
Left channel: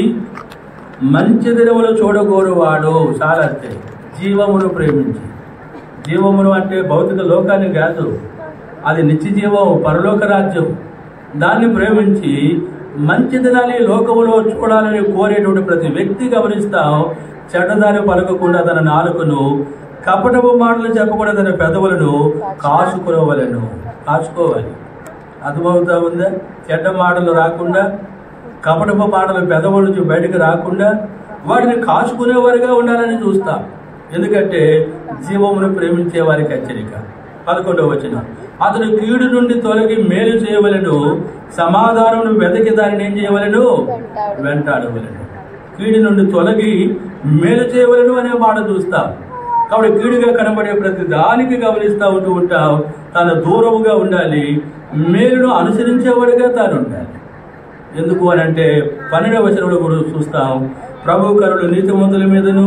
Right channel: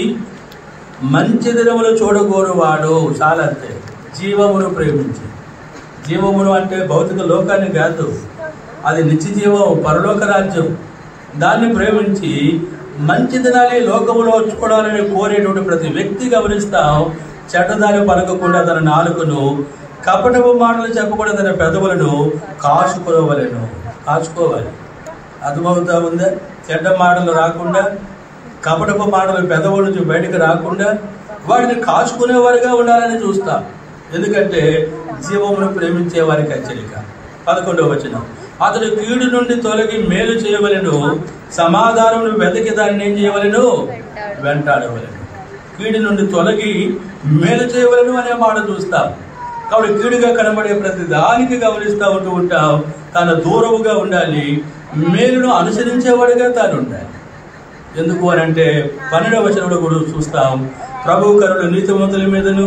మంచి దినములు చూడగోరువాడు, చాలా అంతే. జీవమును ప్రేమించి, జీవమును అంటే భౌతిక లోకాన్ని కాదు, అది నిత్య జీవం, పరలోక రాజ్యం. దాన్ని ప్రేమించి మంచి దినాన్ని లోకములో చూడాలని కోరేటువంటి ప్రతి వ్యక్తి గమనిస్తాం, చెడ్డదారి పలకకుండా తన నాలుకను, కపటపు మాటలు చెప్పకుండా తన పెదవులను కాచుకోవాలి. అర్థమవుతా ఉందా? చెడ్డ మాటలు రాకుండా, కపటపు మాటలు పెదవుల నుంచి బయటకు రాకుండా వాటిని కాచుకునేవారిగా ఉండాలని చూస్తాం. ఎందుకంటే జీవమును ప్రేమించే వారికి హెచ్చరిక. 11వ వచనం. అతడు కీడు నుండి తొలగి మేలు చేయవలెను, సమాధానమును వెతికి దానిని ఏం చేయవలెను, వెంటాడవలెను. కీడు నుండి తొలగి మేలు చేయవలెను అనే మాట చూస్తాం. కాబట్టి కీడుగా కనబడే ప్రతి దానికి గమనిస్తూ ఉంటాం, తన దూరముగా ఉండాలి, మేలును అనుసరించేవాడిగా తాను ఉండాలి. ఎందుకు అని అంటే 12వ వచనంలో కూడా చూస్తాం, ప్రభు కరులు నీతిమంతుల మీదను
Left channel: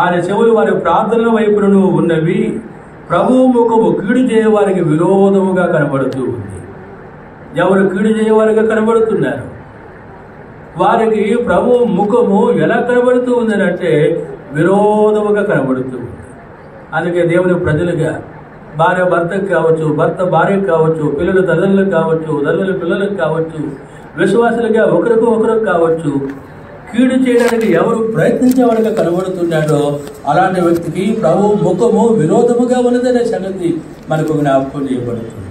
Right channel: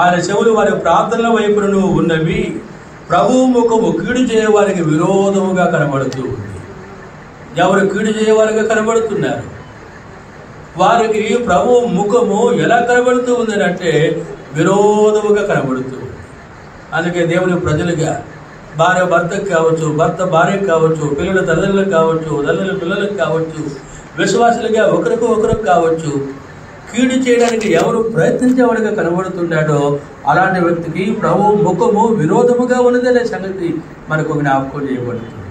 ఆయన చెవులు వారి ప్రార్థనల వైపును ఉన్నవి, ప్రభువు ముఖము కీడు చేయవారికి విరోధముగా కనబడుతూ ఉంది. ఎవరు కీడు చేయవారిగా కనబడుతున్నారు? వారికి ప్రభు ముఖము ఎలా కనబడుతూ ఉందని అంటే విరోధముగా కనబడుతుంది. అందుకే దేవుని ప్రజలుగా భార్య భర్తకు కావచ్చు, భర్త భార్యకు కావచ్చు, పిల్లలు తల్లులకు కావచ్చు, తల్లుల పిల్లలకు కావచ్చు, విశ్వాసులుగా ఒకరికి కావచ్చు, కీడు చేయడానికి ఎవరు ప్రయత్నించేవాడిగా కనబడుతున్నాడో అలాంటి వ్యక్తికి ప్రభు ముఖము విరోధముగా ఉన్నదనే సంగతి మనకు జ్ఞాపకం చేయబడుతుంది.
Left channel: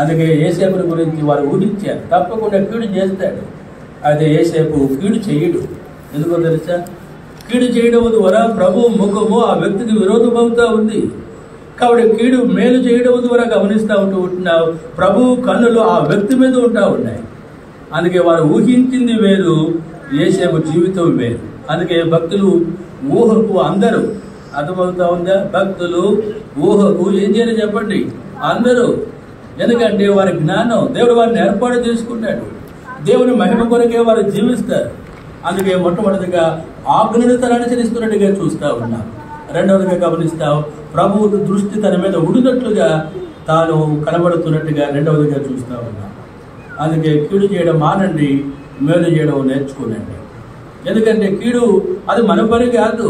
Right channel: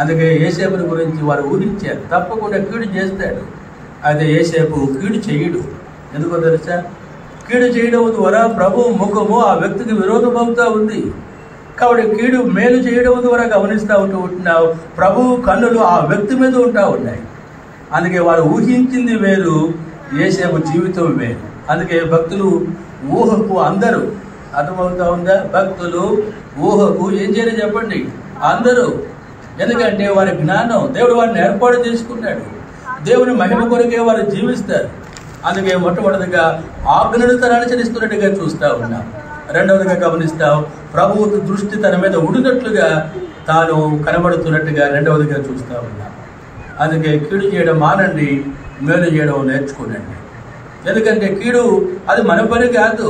అందుకే యేసేపుని గురించి వారు ఊహించారు, తప్పకుండా కీడు చేస్తాడు. అయితే యోసేపు కీడు చేయడు. ఎందుకో తెలుసా? కీడు చేయడం ద్వారా ప్రభు ముఖము ఆ వ్యక్తికి విరోధమవుతా ఉంది. కాబట్టి కీడు మేలు చేయడం ద్వారా గమనిస్తూ ఉంటున్నావు, ప్రభు కన్నులు ఆ వ్యక్తి మీద ఉంటా ఉన్నాయి. అందుకే వారు ఊహించింది వేరు, యోసేపు జీవితం వేరు. అందుకే భక్తులు ఊహకు అందరూ, అర్థమవుతా ఉందా? భక్తులు ఊహకు ఏం చేయాలి చెప్పండి? అందరూ. ఎందుకంటే వారి జ్ఞానం దేవుడు వారిని ఏర్పాటు చేసుకున్నాడు. దేవుని మహిమ కొరకే వారు జీవిస్తారు. అందుకే మొట్టమొదటిగా ఆజ్ఞను తను అనుసరిస్తున్నట్టుగా చూస్తూ ఉన్నాం. రెండవదిగా గమనిస్తాం, ప్రభువు దృష్టి తన మీద ఉడినట్లుగా తాను కనబడుతున్నట్టుగా రెండవదిగా చూస్తూ ఉన్నాం. అందుకే కీడు చేయడం మానండి, మేలు చేయడం నేర్చుకోనండి. ఎందుకంటే కీడు అది మన పని కాదు,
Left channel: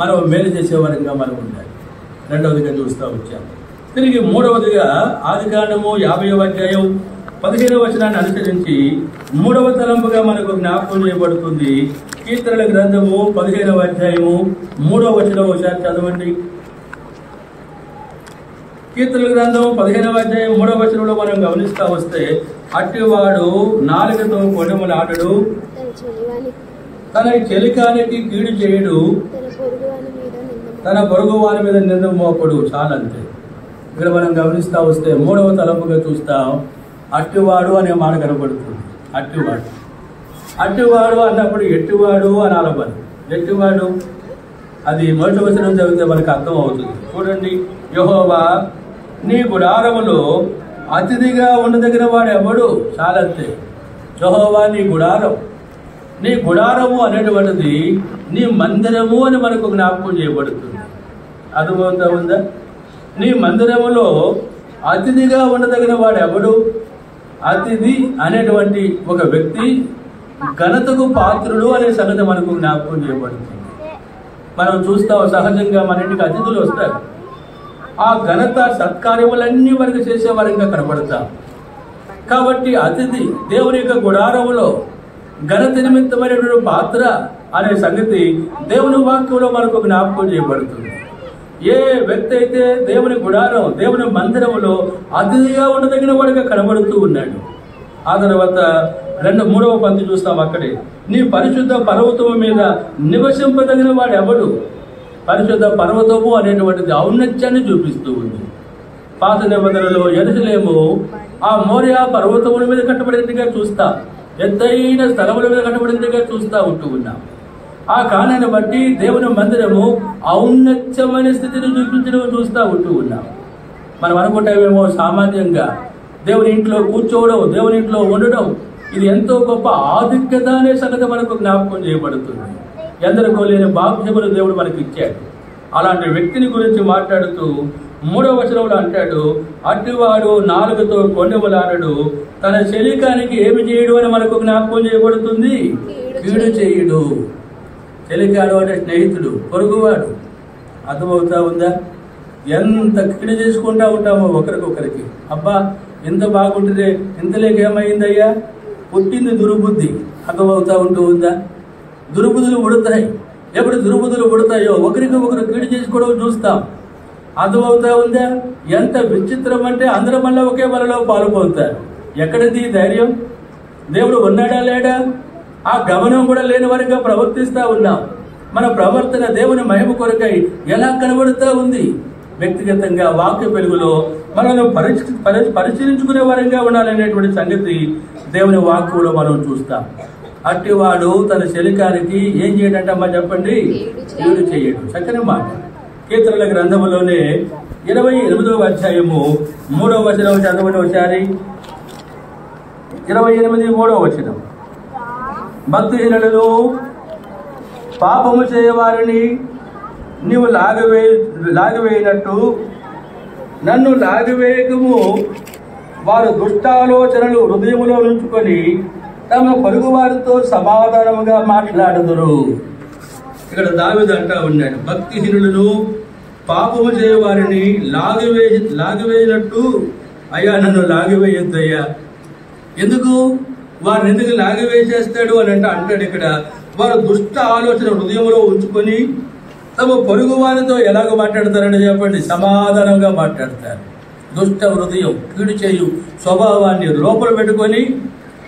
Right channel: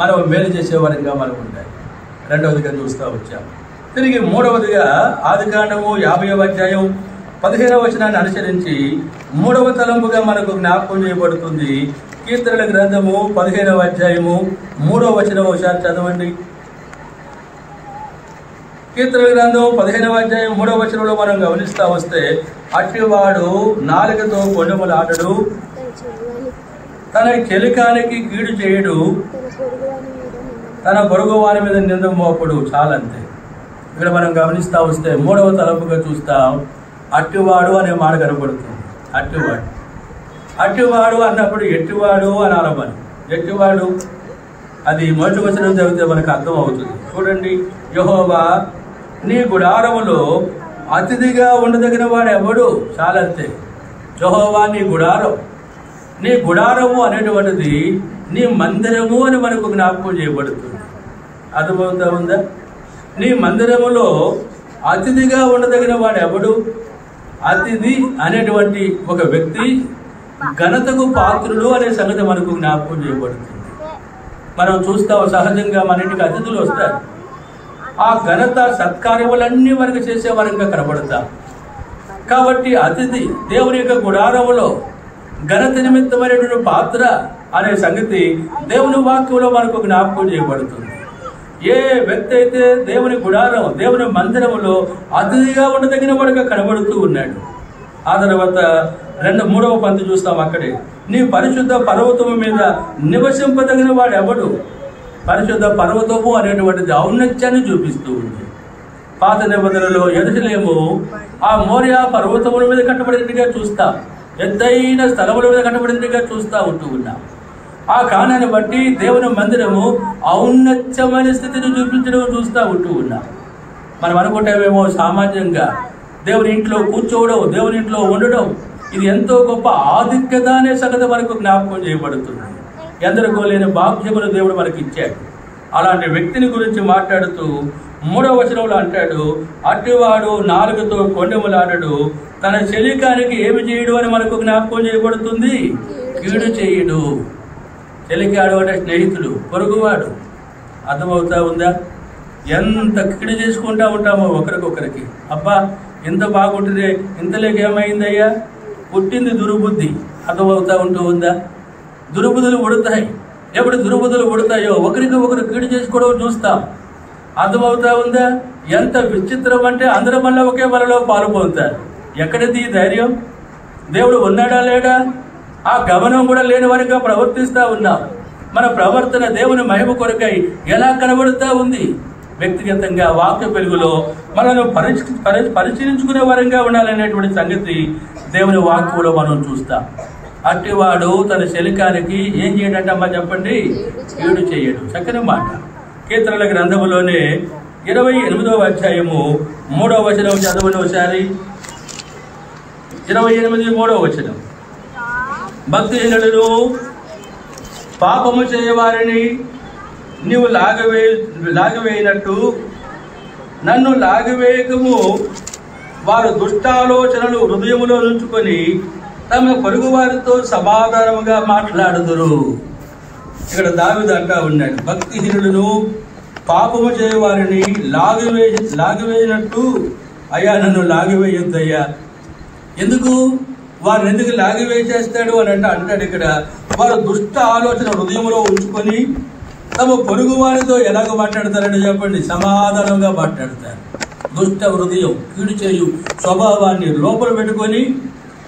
మనం మేలు చేసేవారిగా మనం ఉండాలి. రెండవదిగా చూస్తూ వచ్చాం. తిరిగి మూడవదిగా ఆదికాండము 50వ అధ్యాయం 15వ వచనాన్ని అనుసరించి మూడవ తలంపుగా మనకు జ్ఞాపకం చేయబడుతుంది. కీర్తనల గ్రంథము 15వ అధ్యాయము 3వ వచనం ఒకసారి చదవండి. కీర్తనల గ్రంథం 15వ అధ్యాయం 3వ వచనంలో మనం గమనిస్తా వస్తే, అట్టివాడు నాలుకతో కొనెములాడడు, తన చెలికానికి కీడు చేయుడు, తన పొరుగు వారి మీద నింద మోపడు. చాలంతే. ఇక్కడ మనం గమనిస్తా వస్తే మూడవ తలంపుగా చూస్తాం, అట్టివాడు అనే మాట కనపడుతుంది. అట్టివాడు, అట్టివాడు అన్నప్పుడు ఎట్టివాడు అని అనబడి, ఎట్టివాడు అది మొదటి వచనం చదివితే మనకు అర్థం అవుతుంది. చూడండి, యెహోవా నీ గుడారములో అతిథిగా ఉండదగిన వాడు ఎవడు? చాలంతే. యెహోవా నీ గుడారం, నీ గుడారము అనేటువంటిది నీ మందిరము అని మనకు జ్ఞాపకం చేయబడుతుంది. అర్థమవుతా ఉందా? నీ మందిరములో అతిథిగా ఉండదగిన వాడు ఎవడు? అతిథి అనేటువంటి ఒక వ్యక్తి ఘనతకు పాత్రుడు అనే సంగతి మనకు జ్ఞాపకం చేయబడుతుంది. మనం చూస్తాం, సహజంగా మన ఇంటికి అతిథులు వస్తారు. ఆ ఘనత సత్కార్యములన్నీ మనకు చేసే వరంగా కనబడతాం. కాబట్టి అతిథి దేవుని యొక్క గుడారములో ఘనత నిమిత్తమైనటువంటి పాత్ర అనే సంగతి దేవుని వాక్యంలో మనకు జ్ఞాపకం చేయబడుతుంది. ఏ వ్యక్తి అయితే దేవుని గుడారం, దేవుని మందిరములో అతిథిగా ఉండదగిన వాడుగా కనబడుతూ ఉన్నాడు. ఆ తర్వాత 3వ పంక్తి చూస్తాం. అక్కడే నీ పరిశుద్ధ పర్వతము మీద నివసింపదగిన వాడు ఎవడు? పరిశుద్ధ పర్వతము అనేటువంటిది ఔన్నత్యాన్ని చూపిస్తూ ఉంది. పాత నిబంధనలో యెరూషలేము ఆ మోరియా పర్వతముల మీద కట్టబడినట్టుగా చూస్తా, ఎత్తైన స్థలముల మీద కట్టబడినట్టుగా చూస్తా ఉంటూ ఉన్నాం. ఆ కారణాన్ని బట్టి దేవుని మందిరము ఔన్నత్యమైన స్థితిని చూపించడం చూస్తూ ఉంటూ ఉన్నాం. మనం అనుకుంటామేమో సామాన్యంగా దేవుని ఇంట్లో కూర్చోవడం, దేవుని ఇంట్లో ఉండడం ఇది ఎంతో గొప్ప ఆధిక్యత అనే సంగతి మనకు జ్ఞాపకం చేయబడుతుంది. ఎందరికో లేని బాధ్యతలు దేవుడు మనకి ఇచ్చాడు. అలాంటి వ్యక్తిని గురించి మాట్లాడుతూ 3వ వచనంలో అంటాడు, అట్టివాడు నాలుగుతో కొండెములాడడు, తన చెలికానికి ఏమి చేయడు అని మనకు జ్ఞాపకం చేయబడుతుంది. కీడు చేయుడు. చెలికాడు అంటే స్నేహితుడు, పొరుగువాడు. అర్థమవుతా ఉందా? ఎంత కీడు చేసుకుంటా ఉంటామో ఒకరికొకరికి. అబ్బా ఇంత బాగుంటుంది, ఇంతలేక ఏమైందయ్యా? పుట్టింది దుర్బుద్ధి. అర్థమవుతా ఉంటూ ఉందా? దుర్బుద్ధులు ఉడతాయి. ఎప్పుడు దుర్బుద్ధులు ఉడతాయో ఒకరికి ఒకరు కీడు చేసుకోవడం చూస్తాం. అర్థమవుతా ఉందా? ఎంత విచిత్రం అంటే అందరం వల్ల ఒకే వలలో పాల్పొందుతారు. ఎక్కడిది ధైర్యం? దేవుడు ఉన్నాడా లేడా? ఆ గమనం కూడా లేని వారిగా ప్రవర్తిస్తా ఉన్నాం. మన ప్రవర్తన దేవుని మహిమ కొరకై ఎలా కనబడుతూ ఉంది? వ్యక్తిగతంగా వాక్య వెలుగులో మనల్ని పరిశీలించుకునే వారంగా ఉండాలనేటువంటి సంగతి దేవుని వాక్యంలో మనం చూస్తాం. అట్టివాడు తన శలికానికి ఏం చేయడంటమ్మా చెప్పండి? కీడు చేయడు. చక్కని మాట. కీర్తనల గ్రంథములోనే 28వ అధ్యాయము 3వ వచనం చదవండి ఒకసారి. 28 3వ వచనం. భక్తిహీనులను పాపము చేయవారిని నీవు లాగివేయినట్టు నన్ను లాగివేయకము. వారు దుష్టాలోచనలు హృదయములో నుంచుకొని తమ పొరుగు వారితో సమాధానముగా మాట్లాడుదురు. ఇక్కడ దావీదు అంటా ఉన్నాడు, భక్తిహీనులను పాపము చేయవారిని లాగివేయినట్టు అయ్యా నన్ను లాగివేయొద్దయ్యా. ఎందుకు? వారిని ఎందుకు లాగివేసేస్తాడు అని అంటాడు ఇక్కడ. వారు దుష్ట ఆలోచన హృదయంలో ఉంచుకొని తమ పొరుగు వారితో ఎలాగ మాట్లాడతారని చెప్పండి? సమాధానంగా మాట్లాడతారు. దుష్ట హృదయం, కీడు చేయు స్వభావాన్ని లోపల పెట్టుకొని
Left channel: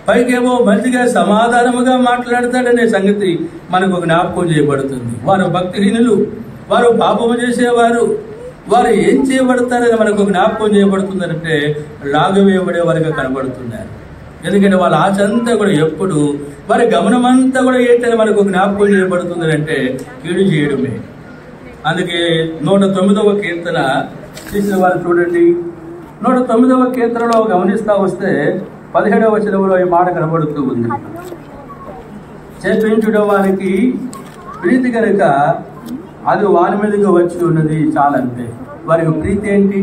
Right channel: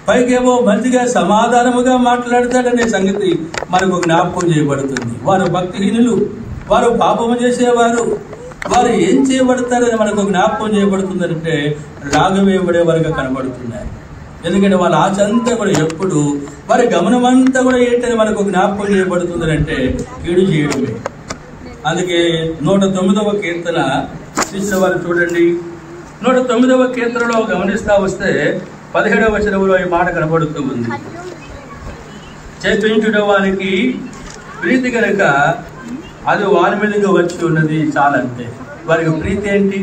పైకేమో మంచిగా సమాధానముగా మాట్లాడతాడనే సంగతి మనకు జ్ఞాపకం చేయబడుతుంది. వారు భక్తిహీనులు, వారు పాపము చేసేవారు, వారు ఏం చేయబడతారని మనకు జ్ఞాపకం చేయబడుతుందంటే రాగవేయబడే వారిగా కనబడుతున్నారు. ఎందుకంటే వాళ్ళ ఆశ అంతా కూడా ఎప్పుడు, వారి గమనం అంతా కూడా ఏంటని మనకు జ్ఞాపకం చేయబడుతుంది అంటే కీడు చేయడమే. అందుకే 109వ కీర్తన తీసిన వారు చూడండి. 109వ కీర్తనలో గమనిస్తా వస్తే 17వ వచనంలో ఈ మాట కనబడుతూ ఉంది. చేపించుట వారికి ప్రీతి కనుక అది వారి మీదకి వచ్చి ఉన్నది చాలంతే. వారికి ప్రీతి ఏంటి,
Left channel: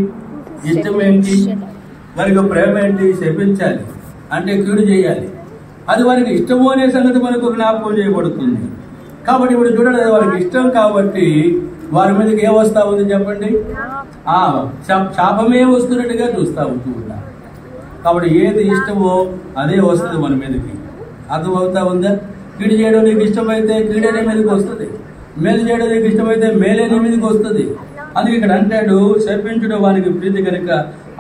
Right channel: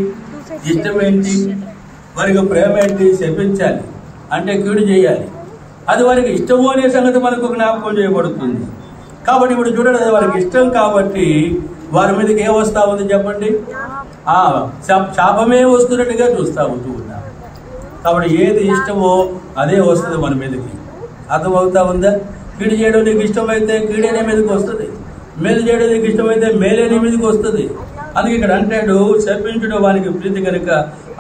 ఇష్టం ఏంటి, వారికి ప్రేమ ఏంటి? శపించాలి అంటే కీడు చేయాలి. అది వారికి ఇష్టము అనే సంగతి మనకు జ్ఞాపకం చేయబడుతుంది. కాబట్టి ఇప్పుడు చూడండి, వారికి ఇష్టం కాబట్టి వారి మీదకి ఏం వస్తా ఉంది చెప్పండి? శాపమే వస్తున్నట్టుగా చూస్తూ ఉంటూ ఉన్నాం. కాబట్టి ఏది ఇష్టమో అదే వస్తుంది మన మీదకి. అర్థమవుతా ఉందా? కీడు చేయడం నీకు ఇష్టమైతే కీడనే మీదకి వస్తుంది, మేలు చేయడం నీకు ఇష్టమైతే మేలేనే మీదకి వస్తుంది. అందుకే ఇక్కడ అంటాడు, శపించడం వానికి ప్రీతి కనుక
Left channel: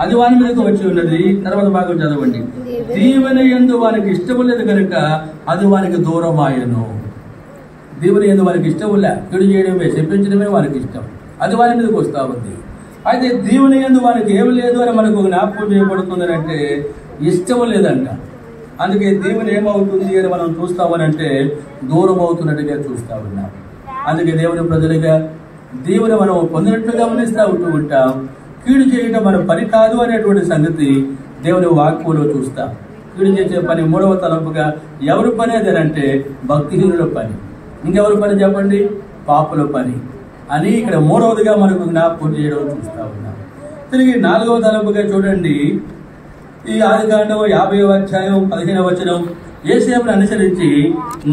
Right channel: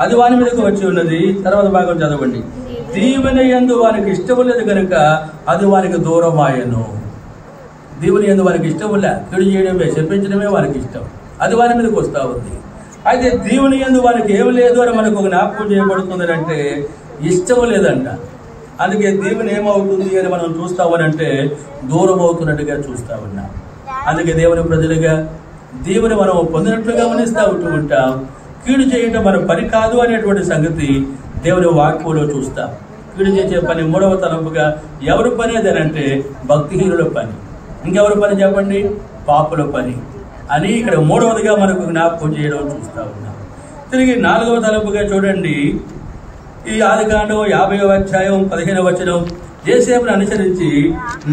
అది వాని మీదకి వచ్చి ఉన్నది. తర్వాత భాగం చదవండి. దీవెన యందు వానికి ఇష్టం లేదు కనుక అది వానికి దూరం ఆయను. దీవెన యందు వారికి ఇష్టం లే, కీడు చేయడమే, శపించడమే వారికి ఇష్టం, అది వారి మీదకి వస్తూ ఉంది. అయితే దీవెన యందు వారికి ఏమి లేదు అని మనకు జ్ఞాపకం చేయబడుతుంది అంటే ఇష్టం లేదంట. అందుకే దీవెన ఏమవుతుంది అని మనం చూస్తామనంటే దూరం అవుతున్నట్టుగా చూస్తా ఉన్నాం. అందుకే దేవుని ప్రజలుగా దీవెన మనం పొందినట్లుగా గమనిస్తూ ఉంటూ ఉంటాం. కీడు చేయడం మన పని కాదు అనేటువంటి సంగతి దేవుని వాక్యంలో చూస్తాం. కీడు చేసే పని 3వ తలంపుగా ఎవరి పని అదేనంటే భక్తిహీనుల పని. ఇంకెవరి పని చెప్పండి? పాపుల పని అని ఇక్కడ 3వదిగా మనకు జ్ఞాపకం చేయడం చూస్తా ఉన్నాం. తిరిగి 4వ తలంపుగా చూడండి. ఈ ఆదికాండం 50వ అధ్యాయం 15వ వచనం యోసేపును అనుసరించి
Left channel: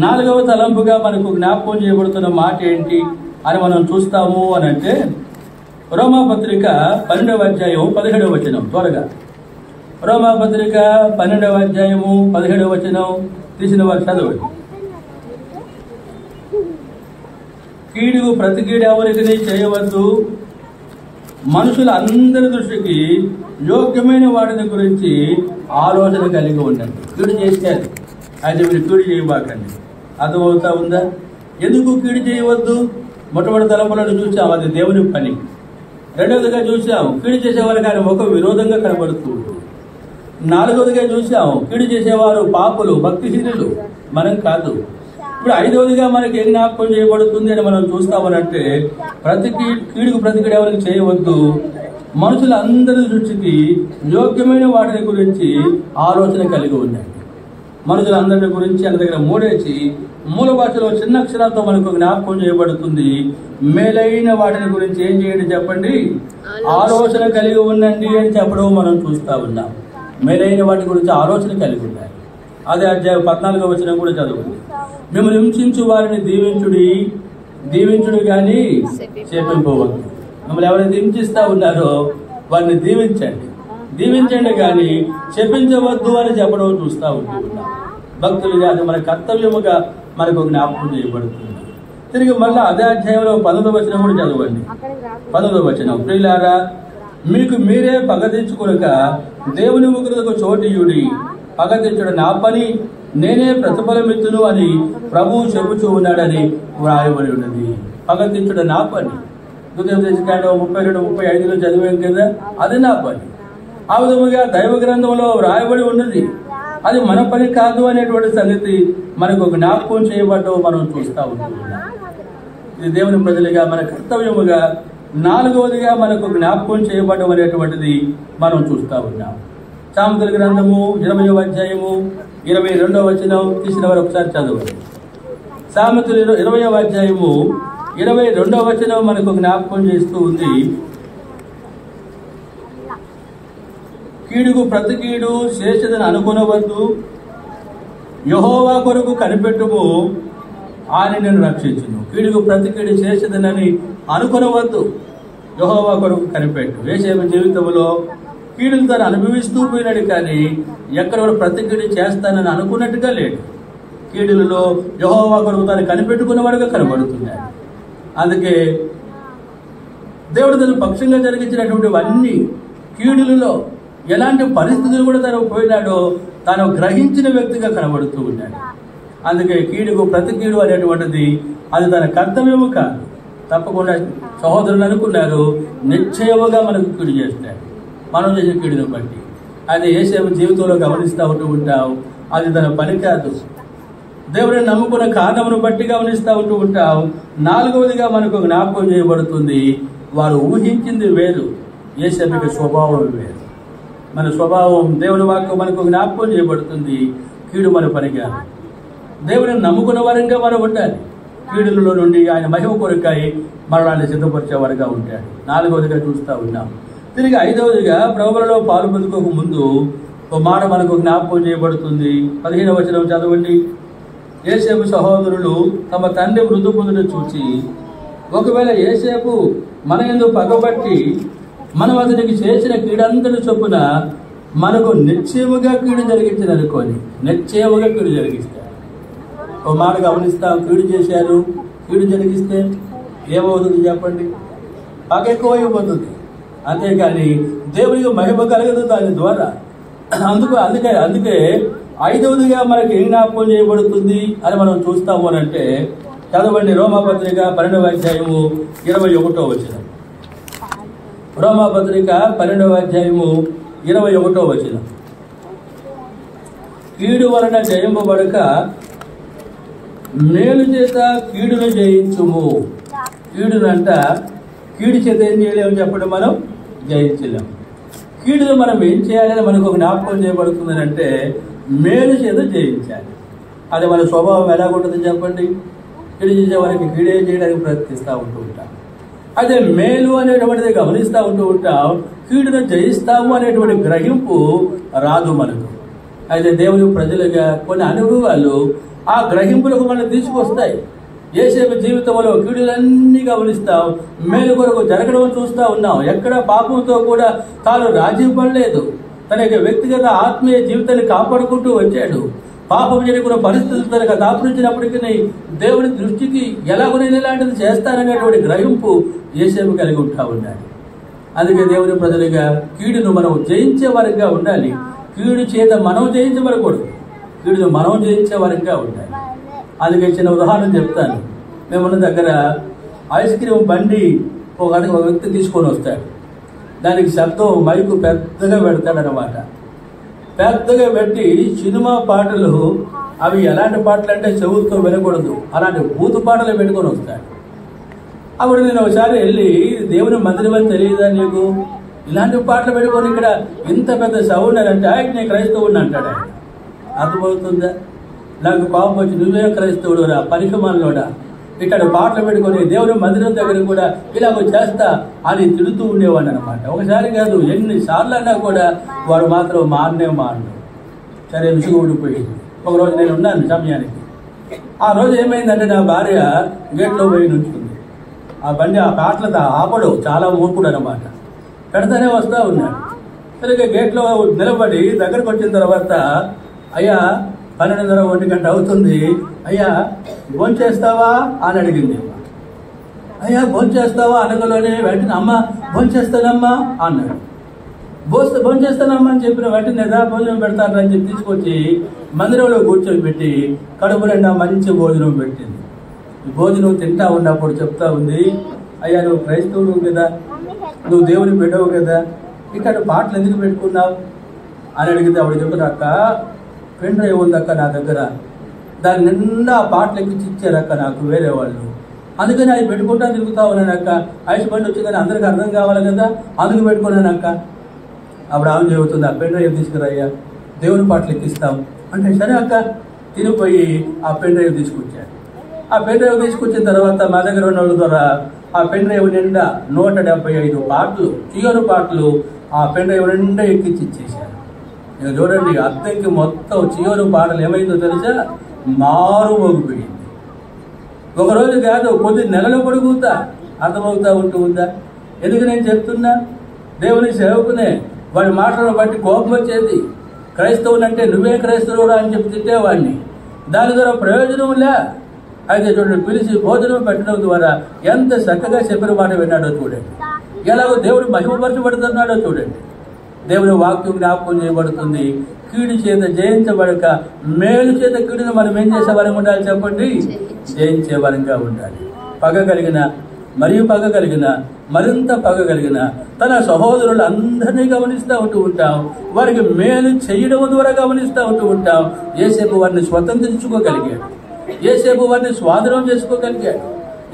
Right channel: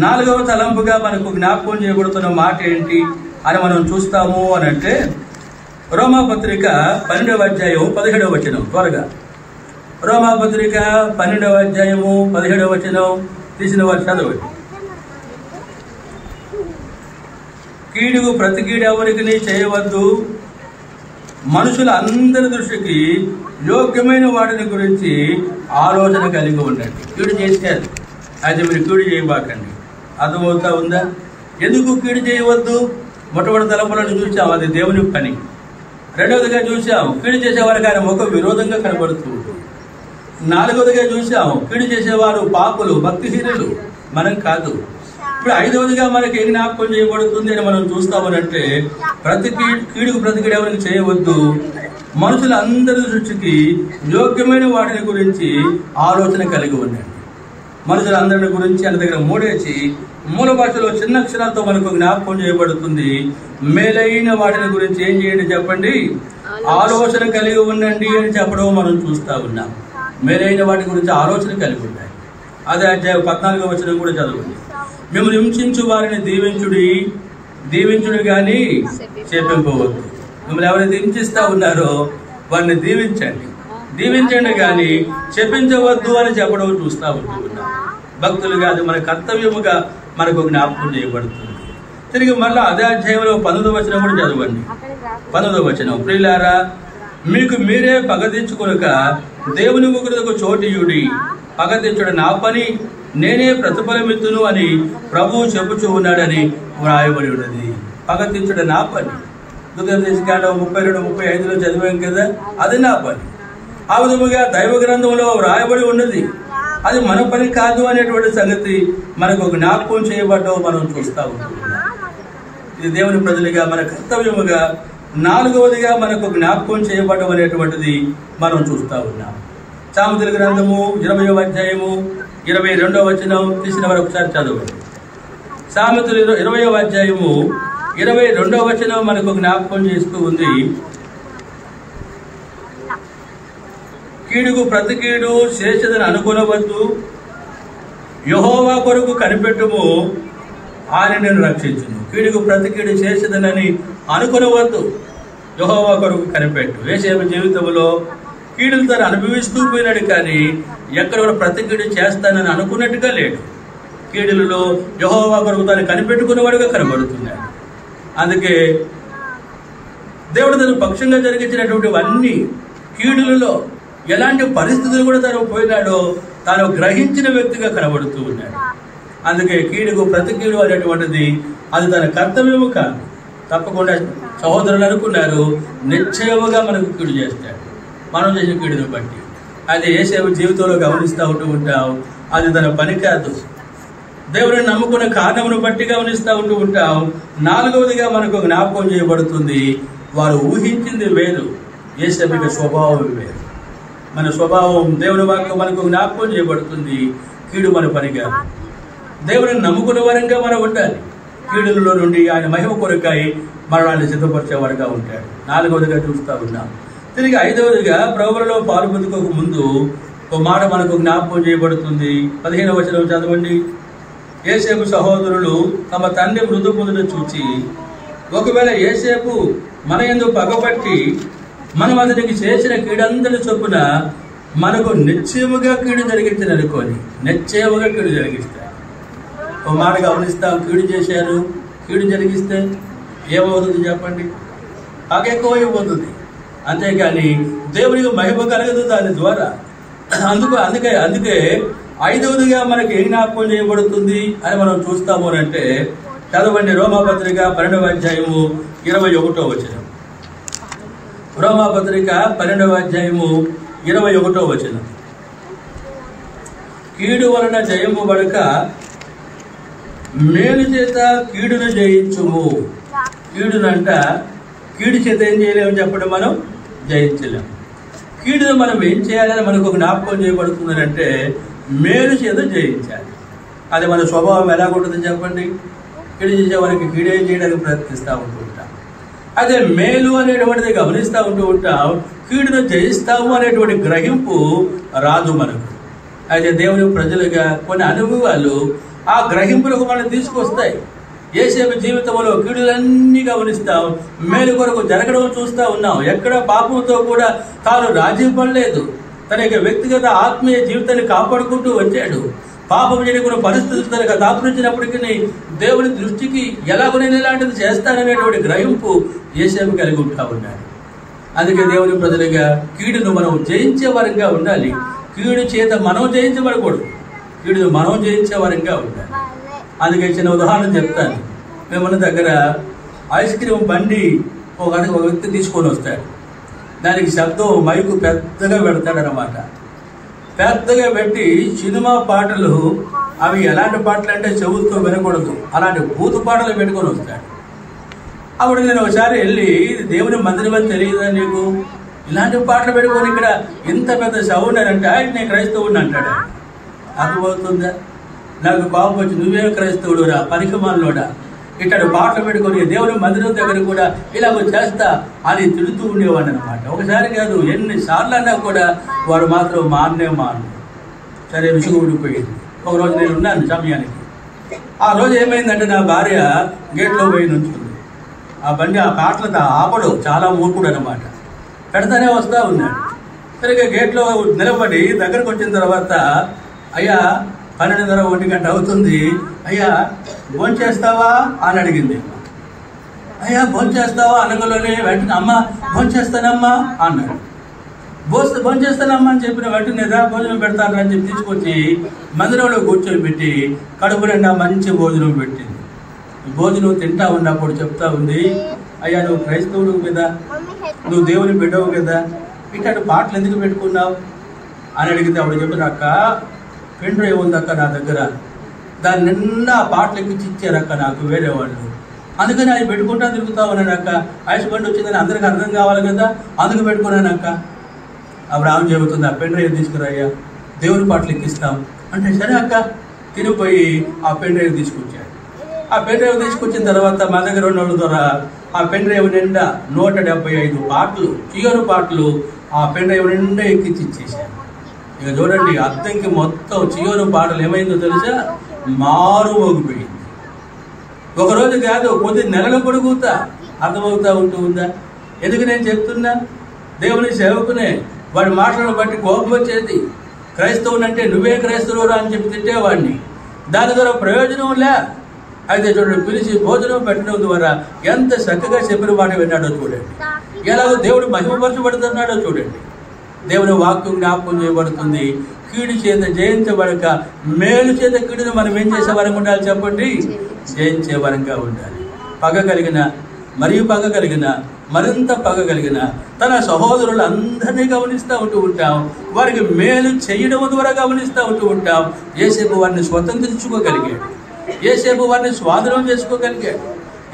4వ తలంపుగా మనకు జ్ఞాపకం చేయబడుతున్న మాట ఏంటి అని మనం చూస్తాము అని అంటే రోమాపత్రిక 12వ అధ్యాయం 17వ వచనం. త్వరగా రోమాపత్రిక 12వ అధ్యాయము 17వ వచనం తీసిన వారు చదవండి. కీడుకు ప్రతి కీడు ఎవరికి చేయవద్దు, మనుషుల అందరి దృష్టికి యోగ్యమైన వాటిని గురించి ఆలోచన కలిగి ఉండండి. కీడు చేశారు అయితే మీరు కీడు చేయబాకండి. అర్థమవుతా ఉందా? ఎందుకు కీడు చేయవద్దు? మొట్టమొదటి తలంపులను చూసాం, అది దేవుని పని. రెండవదిగా చూసాం, కీడు చేసేవారికి ఆయన ముఖం విరోధంగా కనబడుతుంది. 4వదిగా చూసాం, కీడు చేసేవారు పాపులు, భక్తిహీనులు, మనం కాదు. ఇప్పుడు 5వదిగా మనకి ఏ జ్ఞాపకం చేయబడుతుంది అని మనం చూస్తామనంటే కీడుకు ప్రతి కీడు ఎవరికి చేయవద్దు, మనుషుల అందరి దృష్టికి యోగ్యమైన వాటిని గురించి ఆలోచన కలిగి ఉండండి. మనుషులందరిని గురించి అన్న దగ్గర మూడేసి మూల భాషలో చిన్న అక్షరాలతో మనకు జ్ఞాపకం చేయబడుతుంది. మేలైన వాటిని గురించి ఏం చేయండి చెప్పండి? ఆలోచన కలిగి ఉండండి అని చెప్పడం మనం చూస్తా ఉన్నాం. మేలైన వాటి గురించి ఆలోచన కలిగి ఉండాలి. అదే అధ్యాయం 14వ వచనం కూడా చదవండి. మిమ్మల్ని హింసించు వారిని దీవించుడు కానీ శపింపవద్దు. మిమ్మల్ని ఎవరైతే హింసిస్తా ఉన్నారో వారిని దీవించండి కానీ శపించవద్దు అని చెప్పడం చూస్తూ ఉంటున్నాం. భక్తులుగా అది మన కర్తవ్యముగా మనకు జ్ఞాపకం చేయబడుతుంది. తిరిగి మళ్ళీ అదే అధ్యాయంలో 19వ వచనం కూడా చదవండి. 19వ వచనం. ప్రియులారా, మీకు మీరే పగ తెచ్చుకొనక దేవుని ఉగ్రతకు చోటియుడి, పగ తెచ్చుడు నా పని, నేనే ప్రతిఫలమిత్తును అని ప్రభువు చెప్పుచూ ఉన్నాడని వ్రాయబడి ఉన్నది. పగ తెచ్చుడు నా పని. దుఃఖకాండం 32-35లో చదివాం కదా, అది నా పని. ఆ విధముగా దైవ గ్రంథంలో వ్రాయబడి ఉన్నది. అది మన పని కాదు అనేటువంటి సంగతి మనకు జ్ఞాపకం చేయబడ్డం మనం చూస్తా ఉంటాం. ఇది దేవుని ప్రజలుగా మన కర్తవ్యముగా 4వదిగా మనకు జ్ఞాపకం చేయబడడం అనేటువంటిది మనం చూస్తా ఉన్నాం. సామెతల గ్రంథము 20వ అధ్యాయము 22వ వచనం తీసిన వారు ఒకసారి చదవండి. సామెతలు 20వ అధ్యాయము 22వ వచనం మనకు జ్ఞాపకం చేస్తూ ఉంది. కీడుకు ప్రతి కీడు చేసేదని అనుకొనవద్దు, యెహోవా కొరకు కనిపెట్టుము, ఆయన నేను రక్షించును. కీడుకు ప్రతి కీడు చేసేదనని అనుకొనవద్దు, యెహోవా కొరకు కనిపెట్టు. యోసేపు జీవితంలో కీడులు తను అనుభవిస్తూ పోయినాడు, కానీ ఎక్కడ కూడా ప్రతి కీడు చేస్తానని అనుకున్నట్టుగా లేడు. కీడులలో యెహోవా కొరకు తాను కనిపెట్టుకున్నవాడుగా కనబడుతున్నాడు. అందుకే దేవుడు తన పక్షంగా జరిగించినటువంటి అన్ని కీడులలో ఎలాంటి పరిస్థితులు కూడా తను పోయినాడో తాను గ్రహించిన వ్యక్తిగా కనబడుతూ ఉన్నాడు. అందుకే కీడుకు ప్రతి కీడు అనేటువంటిది అది తన కర్తవ్యము కాదు. తప్పకుండా సహోదరులు అనుకున్నారు, నిశ్చయముగా మనకు కీడు చేస్తాడు మనం చేసిన కీడును బట్టి. అది యేసేపు జీవితంలో గమనిస్తూ ఉంటాం. అది తన పని కాదు, దేవుడిని నమ్ముకున్న కారణమును బట్టి గమనిస్తూ ఉంటాం. నాలుగవదిగా మనకు జ్ఞాపకం చేయబడుతుంది, వారు ఊహించింది వేరు, యేసేపు స్వభావం వేరు. మన స్వభావం దేవుని వాక్కు మనకు జ్ఞాపకం చేయబడుతుంది. కీడు మన పని కాదు. దేవుడిని నమ్ముకున్న వారంగా మనం ఉండాలి. కీడులలో నుండి ఆయన మహిమ కొరకై మరణాన్ని సిద్ధపరిచేవారుగా ఉంటాడు. నాలుగవదిగా చూస్తూ ఉన్నాం. తిరిగి ఐదవదిగా ప్రభువులో పాలు పొందుకోక ముందు ఒక మాట మనకు జ్ఞాపకం చేయబడుతుంది. 15వ వచనం చదవండి. యేసేపు సహోదరులు తమ తండ్రి మృదు పొందును చూచి, ఒకవేళ యేసేపు మన యందు పగబట్టి మనం అతనికి చేసిన కీడంతటి చొప్పున మనకు నిశ్చయముగా కీడు జరిగించదనుకోని, నిశ్చయముగా కీడు జరిగిస్తారు. ఒక మాట గమనిస్తాం, కీడు చేశారు, కీడు జరిగిస్తే ఏమవుతుంది చెప్పండి? పగ ఎక్కువైపోతుంది. అంతేకాని దేవునికి మహిమ కలగదు దాని ద్వారా. అందుకే ఐదవదిగా మనకి ఏ జ్ఞాపకం చేయబడుతుంది అని మనం చూస్తాము అని అంటే, చదవండి రోమాపత్రిక 12వ అధ్యాయము 21వ వచనం. రోమాపత్రిక 12వ అధ్యాయము 21వ వచనం. కీడు వలన జయింపబడక మేలు చేత కీడును జయించుము. కీడునంట కీడు చేత ఏం చేయలేము చెప్పండి, మనం జయించలేము. కీడును మనం ఏం చేయాలని మనకు జ్ఞాపకం చేయబడుతుంది అంటే, మేలు చేత జయించాలి. అది మన స్వభావం ఎలాగుంటుంది చెప్పండి? కీడు చేసే వారికి కీడే చేయడానికి ప్రయత్నిస్తూ ఉంటాం. అదే మేలు అనేటువంటిది గమనిస్తూ ఉంటాం. కీడును జయిస్తాము అనేటువంటి గ్రహింపు రాదు మనకు. అయితే దేవుని ప్రజలుగా కొన్ని అనుభవాలు ఆ గ్రహింపులకు మనం తీసుకొస్తాయి. యేసేపు జీవితంలో కీడులన్నీ గమనిస్తాం, మేలు కొరకు జరగడం చూస్తూ ఉన్నాం. ఎక్కడ పాపంతో కూడా తాను రాజీ పడలేదు. తన యొక్క వ్యక్తిగత ఆత్మీయ జీవితాన్ని కాపాడుకుంటూ వచ్చాడు. పాపం చేయకున్న పరిస్థితులు తనకు దాపురించినప్పటికీ దేవుని దృష్టికి ఎలాగో నేను ఇలాంటిది చేస్తాననేటువంటి గ్రహింపు యేసేపు కలిగి ఉంటా ఉన్నాడు. అందుకే దేవుని ప్రజలుగా కీడును మనం జయించే వారంగా ఉండాలి. కీడు చేత మనం జయించబడకూడదు, కీడును మనం జయించే వారంగా ఉండాలి. అందుకే చిన్న ఉదాహరణ చెప్తాను. మేమున్న దగ్గర ఐస్ క్రీమ్ బండి ఒక వ్యక్తి తీసుకొని వస్తాడు. దానికి శబ్దం మైకు పెద్దగా పెడతాడు అన్నమాట. పెద్దగా పెట్టి సినిమా పాటలు, అవి ఎలాంటి పాటలు అంటే చెవుతో వినకూడదు, అలాంటి బూతు పాటలు పెట్టుకొని వస్తాడు. అప్పుడు నేను ఒకసారి వెళ్ళి, దేవుని మందిరం అని తెలియదా నీకు? ఇలాంటి పాటలు పెట్టుకొని ఇక్కడ ఇంత పెద్ద సౌండ్ అని అంటే, నేను క్రైస్తవుడిని అంటాడు. అర్థమవుతుందా? నాకు కోపం వచ్చి, నువ్వే క్రైస్తవుడు రా పనికిమాలోడా, ఇక్కడ పాటలు పెట్టుకొని దేవుని మందిరం దగ్గర కూడా ఇలాగ చేస్తా అని తిడుతూ ఉండేవాడు అనమాట. ఒకసారి కాదు, ఎన్నిసార్లు అన్నా కూడా వాడు మాత్రం మారనే. సరే, విసుగు ఊడిపోయింది. ఒకరోజు నేను ఉన్నాను సమయానికి. ఆ రోజు ఏమైందంటే, నా భార్య గేట్లో పోయి నుంచుంది. ఆ బండి ఆ పాటలతో ఆపడు, చాలా మూర్ఖుడు అనమాట. పెడతానే వస్తూ ఉన్నాడు. సరిగ్గా గేట్లో నిలబడి దగ్గరకు వచ్చిన తర్వాత, అయ్యా 12:30 1 గంట అవుతుంది, అయ్యా భోంచేస్తావా అని అడిగింది. అయ్యా భోంచేస్తావా అనగలోనే వెంటనే, అమ్మ భోంచేస్తానమ్మా అన్నాడు. భోంచేస్తానమ్మా అని చెప్పిన వెంటనే భోజనం పెడతాను అని చెప్పి తీసుకొచ్చి మందిరంలో కూర్చొని పెట్టి కడుపు నిండా మంచి భోజనం పెట్టింది. భోజనం తింటా ఉన్నప్పుడు చెప్తా ఉంది, అయ్యా నువ్వు క్రైస్తవుడు కదా, నువ్వు దేవుని బిడ్డవు కదా, ఇక్కడ పాటలు ఎందుకు పెట్టుకున్నావు అని అడిగితే అప్పుడు చెప్పిన, అక్క పెన్ డ్రైవ్ ఉంది అక్క నా దగ్గర, దాని నిండా ఆ పాటలు ఎక్కించి ఇచ్చారు అక్క నాకు వేరే వాళ్ళు, అందుకని అది పెట్టుకుంటా తిరుగుతా ఉన్నాను అక్క. ఐస్ బండి వచ్చిందని అందరికి అర్థం కావాలి కదా, అందుకు పెట్టుకున్నాను అక్క. అప్పుడు ఆమె చెబుతుంది, ఆ పెన్ డ్రైవ్ తీసుకురాయ్యా, దేవుని పాటలు ఎక్కిస్తాం అంటే, సరే అక్క తిరిగిపోయి ఆ పెన్ డ్రైవ్ తీసుకొచ్చాడు. ఆ పెన్ డ్రైవ్ తీసుకొచ్చిన తర్వాత మా దగ్గర ఉన్న ద్వారా ఆ పెన్ డ్రైవ్ నిండా 175 పాటలు, చియోను పాటలు ఆ పెన్ డ్రైవ్ నిండా ఎక్కించి ఇచ్చేసాడు. ఇక చూడండి, అద్దెకి మొత్తం చియోను పాటలు ఏమైందో తెలుసా, మారు మోగిపోయింది. ఒకరోజు కాదు, కొద్ది నెలలు పొడుగుతా అర్థమవుతా ఉందా? ఎందుకు నేను చెప్తున్నా? దేవుని సేవకునే వాడి మాటలను బట్టి కోపం వచ్చేది. క్రైస్తవుని అంటే నువ్వే క్రైస్తవురా అని చెప్పి తిట్టేవాడిని. దాని ద్వారా ప్రయోజనం లే. అయితే చూడండి, పిలిచి భోజనం పెట్టడం ద్వారా ఎంత చక్కగా చెప్పిన మాట విన్నాడో చూడండి, ఎలాగో దేవుడు మహిమపరచబడుతున్నాడో చూడండి. దేవుని వాక్యం జ్ఞాపకం చేయబడుతుంది. కీడు చేత జయించబడక మేలు చేత కీడును మనం ఏం చేసే వరంగా ఉండాలి చెప్పండి? జయించే వరంగా ఉండాలి. పగ కలిగిన మరియు పగ కలిగిన మరింత పగ కలిగిన తన సహోదరులు అందరినీ గమనిస్తూ ఉంటాం. వారికి మేలు చేయడం ద్వారా గమనిస్తూ ఉంటాం. యేసేపు వారిని స్వతంత్రించుకోగలిగాడు. యేసేపు వారిని స్వాధీనం చేసుకోగలిగాడు.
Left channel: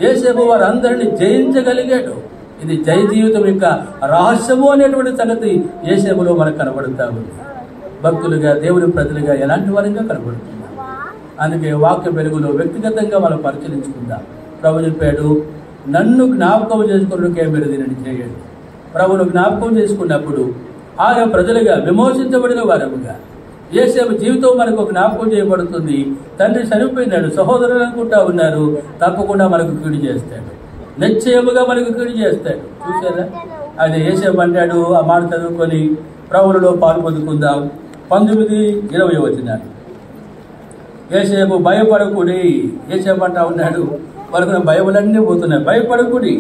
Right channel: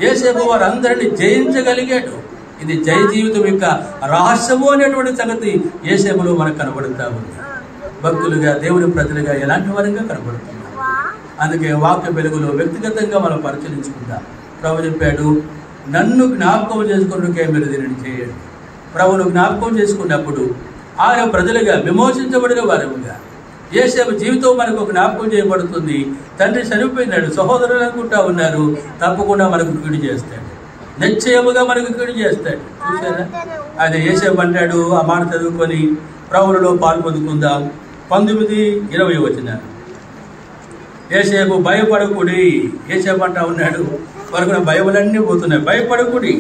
యేసేపు వారందరినీ జయించగలిగాడు. ఇది జయ జీవితం యొక్క రహస్యము అనేటువంటి సంగతి యేసేపులో మనకు కనబడుతూ ఉంది. భక్తులుగా దేవుని ప్రజలుగా ఎలాంటి వరంగా కనబడుతున్నారు. అందుకే వాక్య వెలుగులో వ్యక్తిగతంగా మనం పరిశీలించుకుందాం. ప్రభు చెప్పాడు, నన్ను జ్ఞాపకం చేసుకున్నకే మీరు దీనిని చేయండి. ప్రభువును జ్ఞాపకం చేసుకున్నప్పుడు ఆయన ప్రజలుగా విమోచించబడిన వారముగా యేసేపు జీవితం మనకు జ్ఞాపకం చేయబడుతుంది. తండ్రి చనిపోయినాడు, సహోదరులు అనుకుంటా ఉన్నారు, తప్పకుండా మనకు కీడు చేస్తాడు, నిశ్చయముగా మనకు కీడు చేస్తాడు. చూసారా? అది యేసేపు అంటాడు. ఆ మాట చదువుకొని ప్రభువులో పాలు పొందుకుందాం. 19-20 వచనాలు. యేసేపు భయపడకుడి. యేసేపు అంటా ఉన్నాడు, వరకు భయములన్నీ పోతున్నాయి. భయపడకుడి,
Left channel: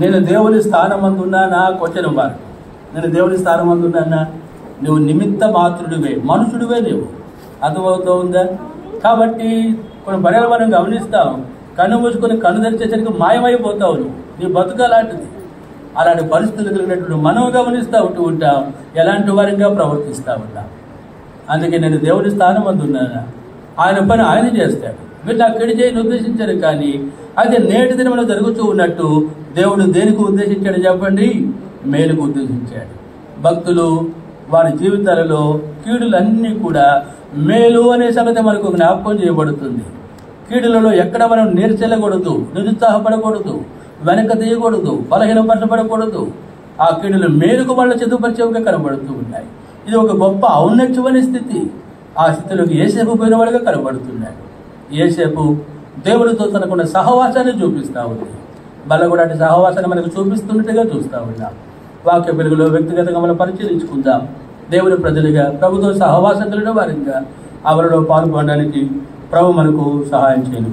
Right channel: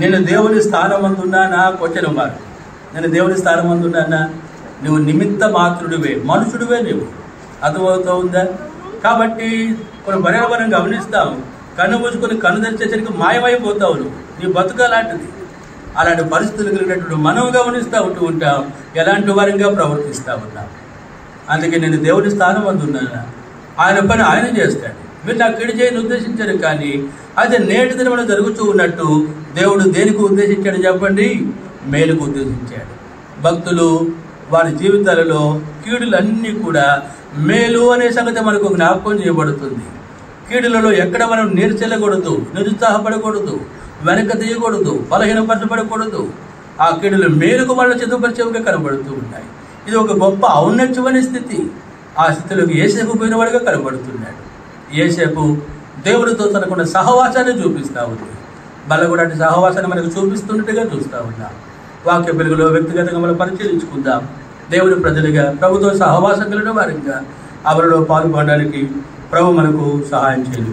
నేను దేవుని స్థానం అందున్నానా? క్వశ్చన్ మాట. నేను దేవుని స్థానం అందున్నానా? నువ్వు నిమిత్త మాత్రుడివే, మనుషుడివే. నువ్వు అర్థమవుతూ ఉందా? కాబట్టి కొన్ని బర్రెలు మనం గమనిస్తాం. కన్ను మూసుకొని కన్ను తెరిచేసరికి మాయమైపోతావు. నీ బతుకు అలాంటిది. అలాంటి పరిస్థితులు కలిగినటువంటి మనం గమనిస్తూ ఉంటాం, ఎలాంటి వారంగా ప్రవర్తిస్తూ ఉంటాం. అందుకే నేను దేవుని స్థానం అందున్నానా? ఆయన పని ఆయన చేస్తాడు. మీరు నాకు కీడు చేయని ఉద్దేశించారు, కానీ అది నేటి దినమున జరుగుతూ ఉన్నట్టు దేవుడు దేనికి ఉద్దేశించాడు చెప్పండి? మేలుకు ఉద్దేశించాడు. భక్తులు వారి జీవితాలలో కీడులన్నీ కూడా మేలు అనే సంగతి మనకు జ్ఞాపకం చేయబడుతుంది. కీడులలో ఎక్కడ మనం నీర్చెల్లకూడదు, నిరుత్సాహపడకూడదు, వెనక తీయకూడదు, బలహీనపరచబడకూడదు. ఆ కీడులు మేలుకు మనల్ని చదువుపరిచేవిగా కనబడుతూ ఉన్నాయి. ఇది ఒక గొప్ప ఔన్నత్యమైన స్థితి. ఆ స్థితిలోకి యేసేపు పోయినవాడుగా కనబడుతున్నాడు. యేసేపు దేవుడితో తనకున్న సహవాసాన్ని చూపిస్తూ ఉంది. కూడా అటు సహవాసాన్ని మనకు చూపిస్తున్నట్టుగా చూస్తూ ఉన్నాం. వాక్య వెలుగులో వ్యక్తిగతంగా మనం పరిశీలించుకుందాం. దేవుని ప్రజలుగా ప్రభుతో సహవాసం కలిగిన వారిగా అవరిలో పాల్గొనడానికి ప్రభు మనకు సహాయం చేయను.